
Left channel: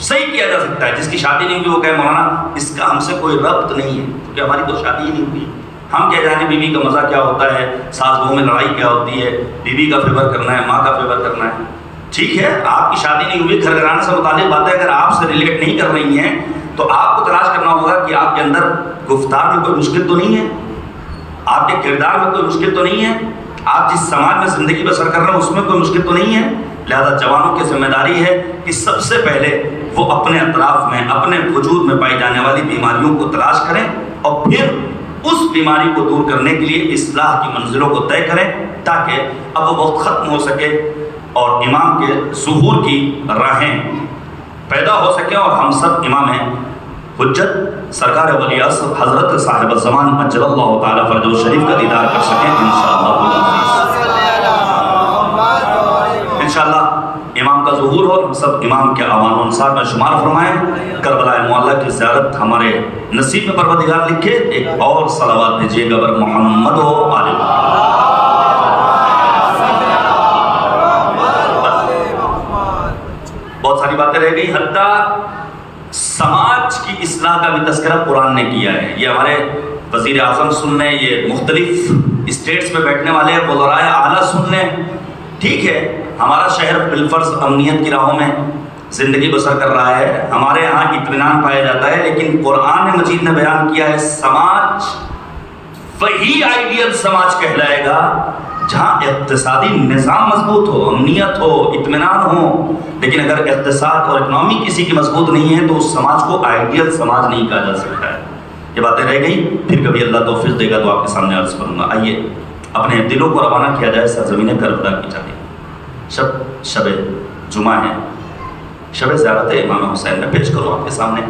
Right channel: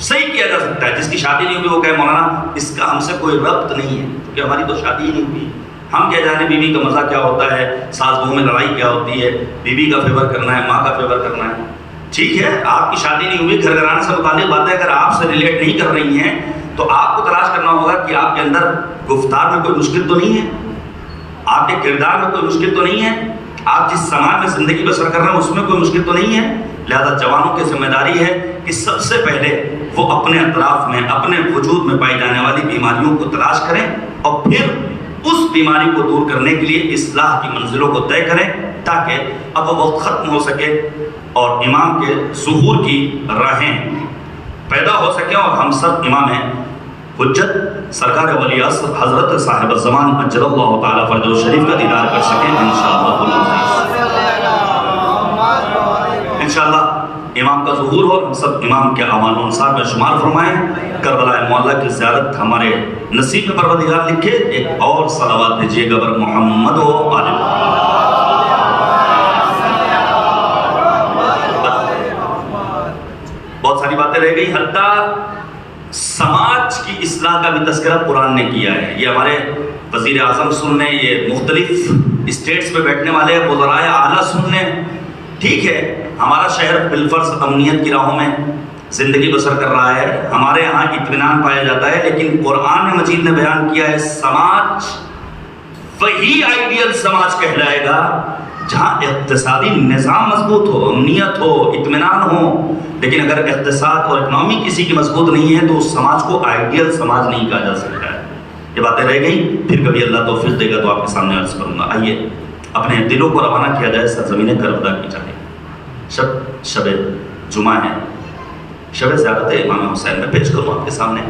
صحیح کیا جا سکتا ہے، جس کی شادی نہیں ہوئی وہ کہے مولانا اس کا ہم سے کوئی ربط نہیں ہے، کیونکہ ہماری تو شادی ہی نہیں ہوئی، ہم کیا جانے بیوی کا مزہ کیا ہوتا ہے، ساس بہو میں لڑائی کیا ہوتی ہے، بیوی کا فیور کرنا ہے، ماں کا فیور کرنا ہے۔ ٹھیک ہے، آپ کی شادی نہیں ہوئی، گھر گھرانے سے متعلق باتیں اگر آپ سے ریلیٹ نہیں کر رہی ہیں تو آپ کو تلاش کرنا ہوگا کہ آپ کے اندر گفتار میں کوئی مشکل تو نہیں ہے، آپ کے کردار میں کوئی مشکل تو نہیں ہے، آپ جس سماج میں زندگی بسر کر رہے ہیں اس میں کوئی مشکل تو نہیں ہے۔ لہذا جوانوں کی ذمہ داری ہے کہ سب سے پہلے وہ اپنے اطراف میں، اپنے وجود میں پائی جانے والی بیماریوں کو تلاش کریں اور پھر اس بیماری کو دور کرنے کے لیے اصلاح کی منزلوں کو طے کریں، تاکہ اب وہ وقت ختم ہو سکے اور امام کے ظہور کی راہیں پیدا ہو سکیں اور ہم سب امام حجت سرکار ولی عصر حضرت صاحب الزمان اجل اللہ تعالیٰ فرجہ شریف کا دیدار کر سکیں انشاءاللہ۔ امام کا ظہور ہو، ہم سب امام کے اعوان و انصار میں شمار فرمائیں، کربلا معلیٰ کی زیارت ہمارے نصیب میں پروردگار لکھے۔ ایک اور صلوات دیجیے گا بر محمد و آل بہت ساری باتیں رہ گئی، حتیٰ سماج کی اصلاح کا بھی تذکرہ قرآن نے کیا ہے۔ یہ ہمارے وزیر اعظم سن لیں، یہ مختلف اسٹیٹس میں بیٹھنے والے وزرائے اعلیٰ سن لیں، ٹھیک ہے، ہمارا شہر بالفرض امنیت کی راہوں میں زندگی بسر کر رہا ہے، ہمارے یہاں اطمینان پایا جاتا ہے، لیکن قرآن مجید نے بیان کیا ہے سماج وہی آئیڈیل سماج کہلائے گا جہاں اقتصادی نظام مضبوط ہو، امنیت ہو، اطمینان ہو، لیکن اگر اقتصاد اور اکنامی کسی کی مضبوط نہیں ہے تو اس سماج کو آئیڈیل سماج نہیں کہا جا سکتا ہے۔ یہ باتیں رہ گئی، پھر کبھی اللہ توفیق دے گا تو آپ کے سامنے عرض کروں گا۔ آئیے اپنے دلوں کو روانہ کیا جائے سرزمین کربلا کی جانب۔ شب جمعہ ہے، شب زیارت امام حسین میں پیش کروں آپ کے سامنے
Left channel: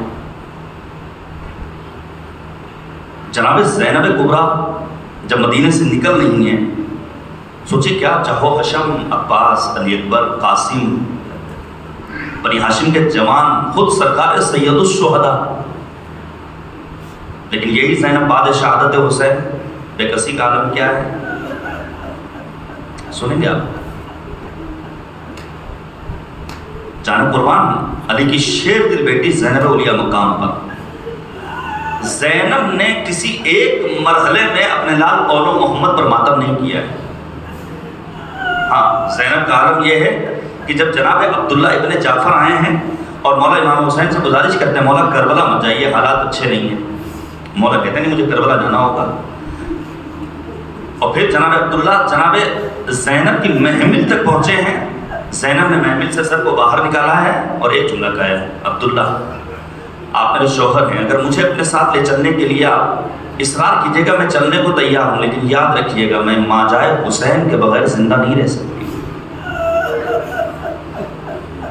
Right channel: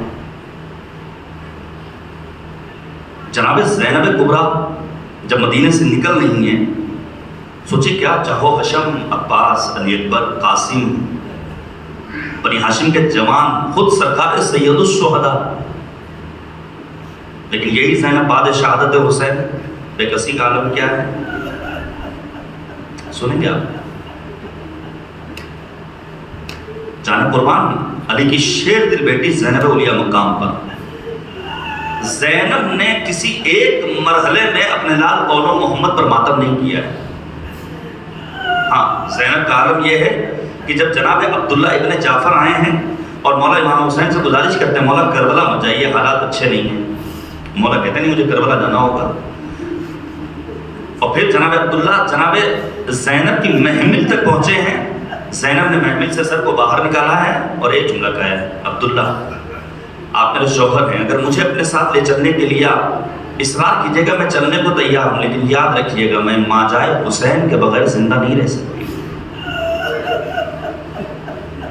جناب زینب کبریٰ جب مدینے سے نکل رہی ہیں، سوچے کیا چہو حشم، عباس، علی اکبر، قاسم، بنی ہاشم کے جوان، خود سرکار سید الشہداء، لیکن یہی زینب بعد شہادت حسین بے کسی کا عالم کیا ہے؟ سنیں گے آپ؟ جان قربان علی کی شیر دل بیٹی زینب اولیاء مقام پر، زینب نے کسی ایک مرحلے میں اپنے لال قول و محمد پر ماتم نہیں کیا ہے۔ ہاں، زینب کا عالم یہ ہے کہ جب جناب عبداللہ ابن جعفر آئے ہیں اور مولا امام حسین سے گزارش کرتے ہیں مولا کربلا مت جائیے، حالات اچھے نہیں ہیں، مولا کہتے ہیں نہیں مجھے کربلا جانا ہوگا، اور پھر جناب عبداللہ جناب زینب کی محمل تک پہنچے ہیں، زینب نے محمل سے سر کو باہر نکالا ہے اور ایک جملہ کہا ہے، عبداللہ آپ میرے شوہر ہیں، اگر مجھے اپنے ساتھ لے چلنے کے لیے آپ اصرار کیجیے گا میں چلنے کو تیار ہوں، لیکن یاد رکھیے گا میں ماں جائے حسین کے بغیر زندہ نہیں رہ سکتی۔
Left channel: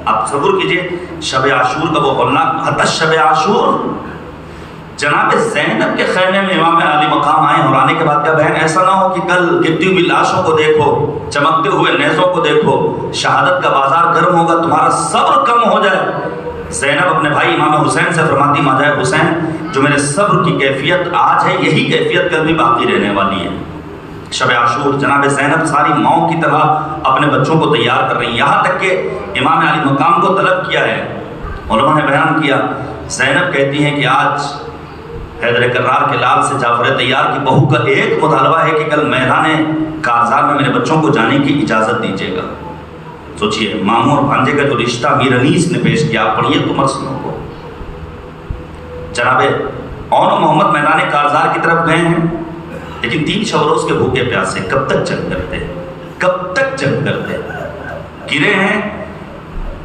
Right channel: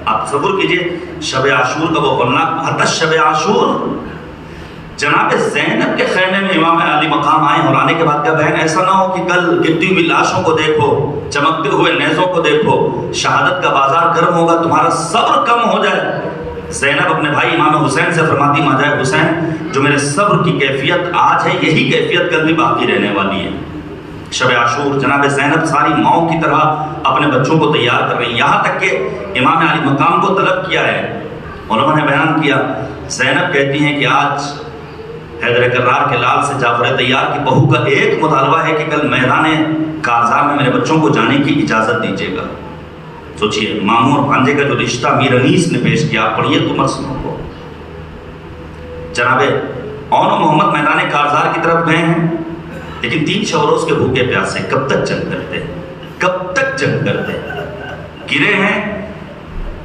آپ تصور کیجیے شب عاشور کا وہ ہولناک، حتی شب عاشور جناب زینب کے خیمے میں امام علی مقام آئے اور آنے کے بعد کیا بہن ایسا نہ ہو کہ کل گرتی ہوئی لاشوں کو دیکھو، چمکتے ہوئے نیزوں کو دیکھو، شہادت کا بازار گرم ہوگا، تمہارا صبر کم ہو جائے۔ زینب اپنے بھائی امام حسین سے فرماتی ماجائے حسین جو میرے صبر کی کیفیت آج ہے یہی کیفیت کل بھی باقی رہنے والی ہے۔ شب عاشور جناب زینب ساری ماؤں کی طرح اپنے بچوں کو تیار کر رہی ہیں، یہاں تک کہ امام علی مقام کو طلب کیا ہے۔ علماء نے بیان کیا زینب کہتی ہیں کہ آج حیدر کرار کے لال سے جعفر طیار کی بہو کا ایک مطالبہ ہے کہ کل میدان کارزار میں میرے بچوں کو جانے کی اجازت دیجیے گا۔ سوچئے ماموں اور بھانجے کا جو رشتہ میر انیس نے پیش کیا، پڑھیے تو مرسنوں کو۔ جناب اون و محمد میدان کارزار کی طرف گئے ہیں، لیکن 3 شب روز کے بھوکے پیاسے کب تک جنگ کرتے، کب تک جنگ کرتے؟ گرے ہیں۔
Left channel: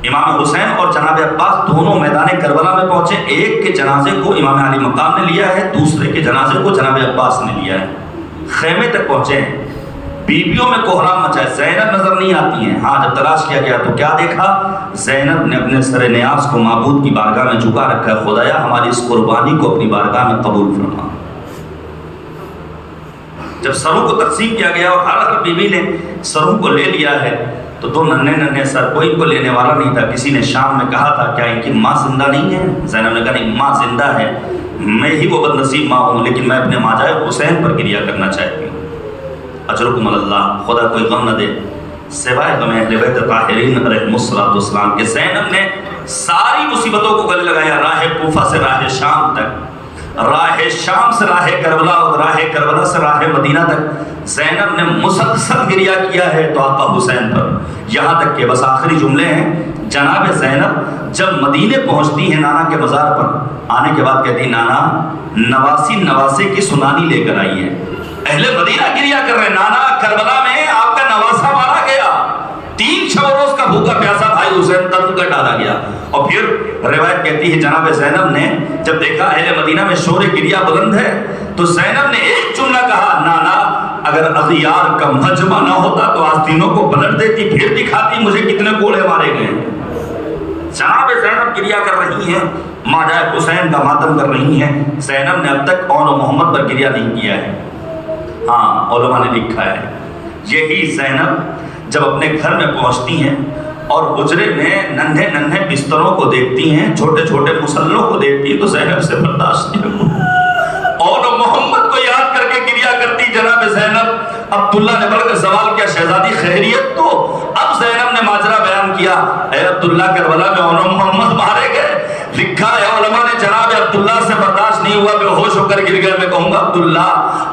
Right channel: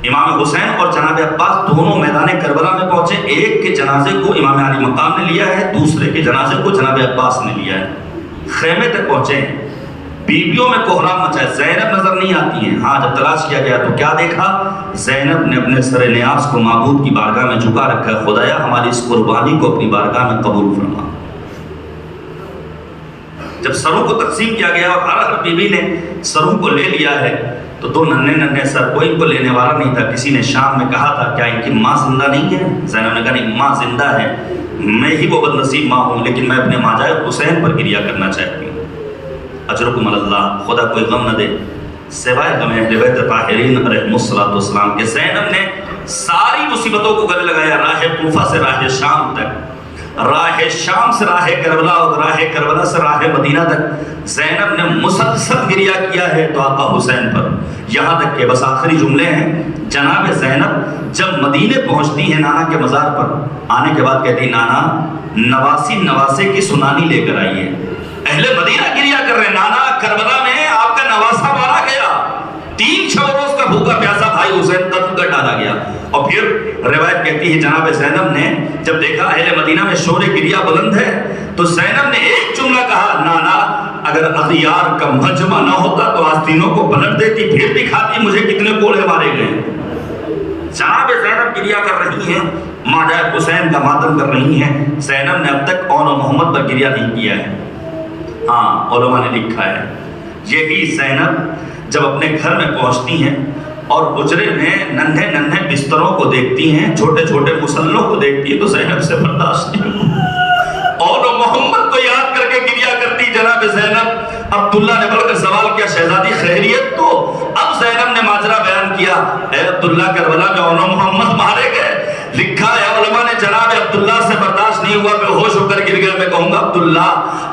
امام حسین اور جناب عباس دونوں میدان کربلا میں پہنچے، ایک کے جنازے کو امام علی مقام نے لیا ہے، دوسرے کے جنازے کو جناب عباس نے لیا ہے۔ خیمے تک پہنچے ہیں، بیویوں میں کوہرام مچا ہے، زینب نظر نہیں آتی ہیں۔ ہاں جب تلاش کیا گیا تو کیا دیکھا؟ زینب نے اپنے سر نیاز کو معبود کی بارگاہ میں جھکا رکھا ہے، خدایا ہماری اس قربانی کو اپنی بارگاہ میں قبول فرما۔ جب سروں کو تقسیم کیا گیا اور ہر بیوی نے سروں کو لے لیا ہے تو 2 ننھے سر، کوئی ان کو لینے والا نہیں تھا۔ کسی نے شام میں کہا تھا کیا ان کی ماں زندہ نہیں ہے؟ زینب نے کہا نہیں، ماں زندہ ہے، میں ہی وہ بد نصیب ماں ہوں، لیکن میں اپنے ماجائے حسین پر گریہ کرنا چاہتی ہوں۔ اجرکم اللہ، خدا کوئی غم نہ دے سوائے غم اہل بیت طاہرین علیہم السلام کے۔ زینب نے ساری مصیبتوں کو گلے لگایا، راہ کوفہ سے راہ شام تک، راہ شام سے راہ کربلا اور راہ کربلا سے راہ مدینہ تک زینب نے مسلسل گریہ کیا ہے تو آقا حسین پر، یہاں تک کہ بس آخری جملے ہیں، جناب زینب جب مدینے پہنچتی ہیں نانا کے مزار پر، آنے کے بعد کہتی نانا نواسی نواسے کی سنانی لے کر آئی ہے۔ اہل مدینہ گریہ کر رہے ہیں، نانا کربلا میں آپ کا نواسا مارا گیا، 3 شب روز کا بھوکا پیاسا بھائی حسین قتل کر ڈالا گیا۔ اور پھر روایت کہتی ہے جناب زینب نے جب دیکھا اہل مدینہ میں شور گریہ بلند ہے تو زینب نے ایک جملہ کہا، نانا اگر اغیار کا مجمع نہ ہوتا تو آستینوں کو پلٹ دیتی، پھر دکھاتی مجھے کتنے کوڑے مارے گئے۔ جناب زینب گریہ کر رہی ہیں، ماجائے حسین کا ماتم کر رہی ہیں۔ زینب نے اب تک اون و محمد پر گریہ نہیں کیا ہے۔ ہاں علماء نے لکھا ہے یہی زینب جب اپنے گھر میں پہنچتی ہیں اور حجرے میں ننھے بستروں کو دیکھتی ہیں، چھوٹے چھوٹے مسلوں کو دیکھتی ہیں تو زینب سے برداشت نہیں ہوتا، اور محمد کو یاد کر کے گریہ کرتی۔ جناب زینب عبداللہ نے بڑھ کر سوال کیا، شہزادی خیریت تو؟ اب زینب نے ماجرا بیان کیا، اے عبداللہ کربلا میں اون و محمد مارے گئے۔ لکھا ہے علماء نے جناب عبداللہ سے برداشت نہیں ہوا، بے ہوش ہو کر گر گیا۔ میں کہوں گا عبداللہ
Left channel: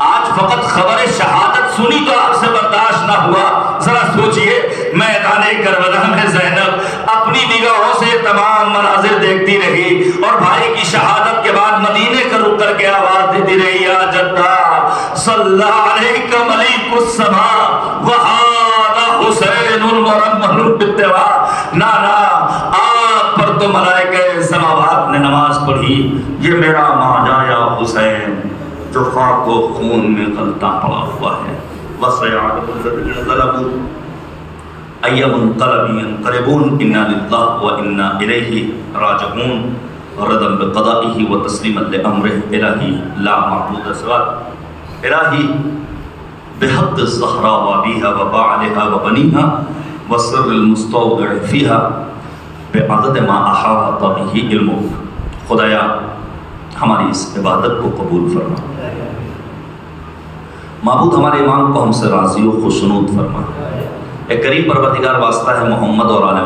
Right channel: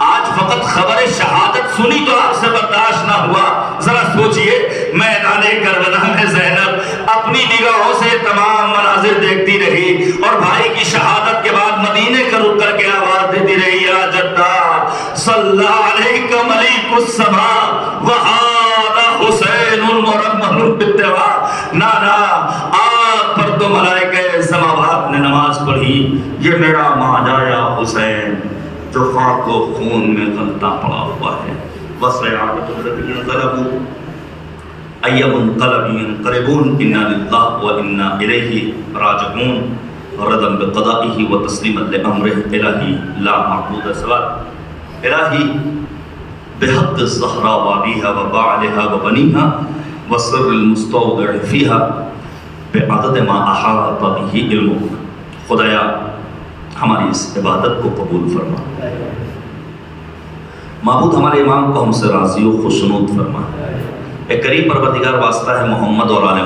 آج فقط خبر شہادت سنی تو آپ سے برداشت نہ ہوا، ذرا سوچئے میدان کربلا میں زینب اپنی نگاہوں سے تمام مناظر دیکھتی رہی اور بھائی کی شہادت کے بعد مدینے کا رخ کر کے آواز دیتی رہی، یا جدہ صلی علیک ملیک السماء وہذا حسین المرمل بالتوا۔ نانا آپ پر تو ملائکہ سماوات نے نماز پڑھی، یہ میرا ماجایا حسین جو خاک و خون میں غلطہ پڑا ہوا ہے۔ وَسَيَعْلَمُ الَّذِينَ ظَلَمُوا أَيَّ مُنقَلَبٍ يَنقَلِبُونَ إِنَّا لِلَّهِ وَإِنَّا إِلَيْهِ رَاجِعُونَ رَضًا بِقَضَائِهِ وَتَسْلِيمًا لِأَمْرِهِ إِلَٰهِ لَا مَعْبُودَ سِوَاهُ إِلَٰهِ بِحَقِّ الزَّهْرَاءِ وَأَبِيهَا وَبَعْلِهَا وَبَنِيهَا وَسِرِّ الْمُسْتَوْدَعِ فِيهَا بِعَدَدِ مَا أَحَاطَ بِهِ عِلْمُهُ۔ خدایا ہماری اس عبادت کو قبول فرما، معبود ہمارے امام کو ہم سے راضی و خوشنود فرما۔ اے کریم پروردگار واسطہ ہے محمد اور آل محمد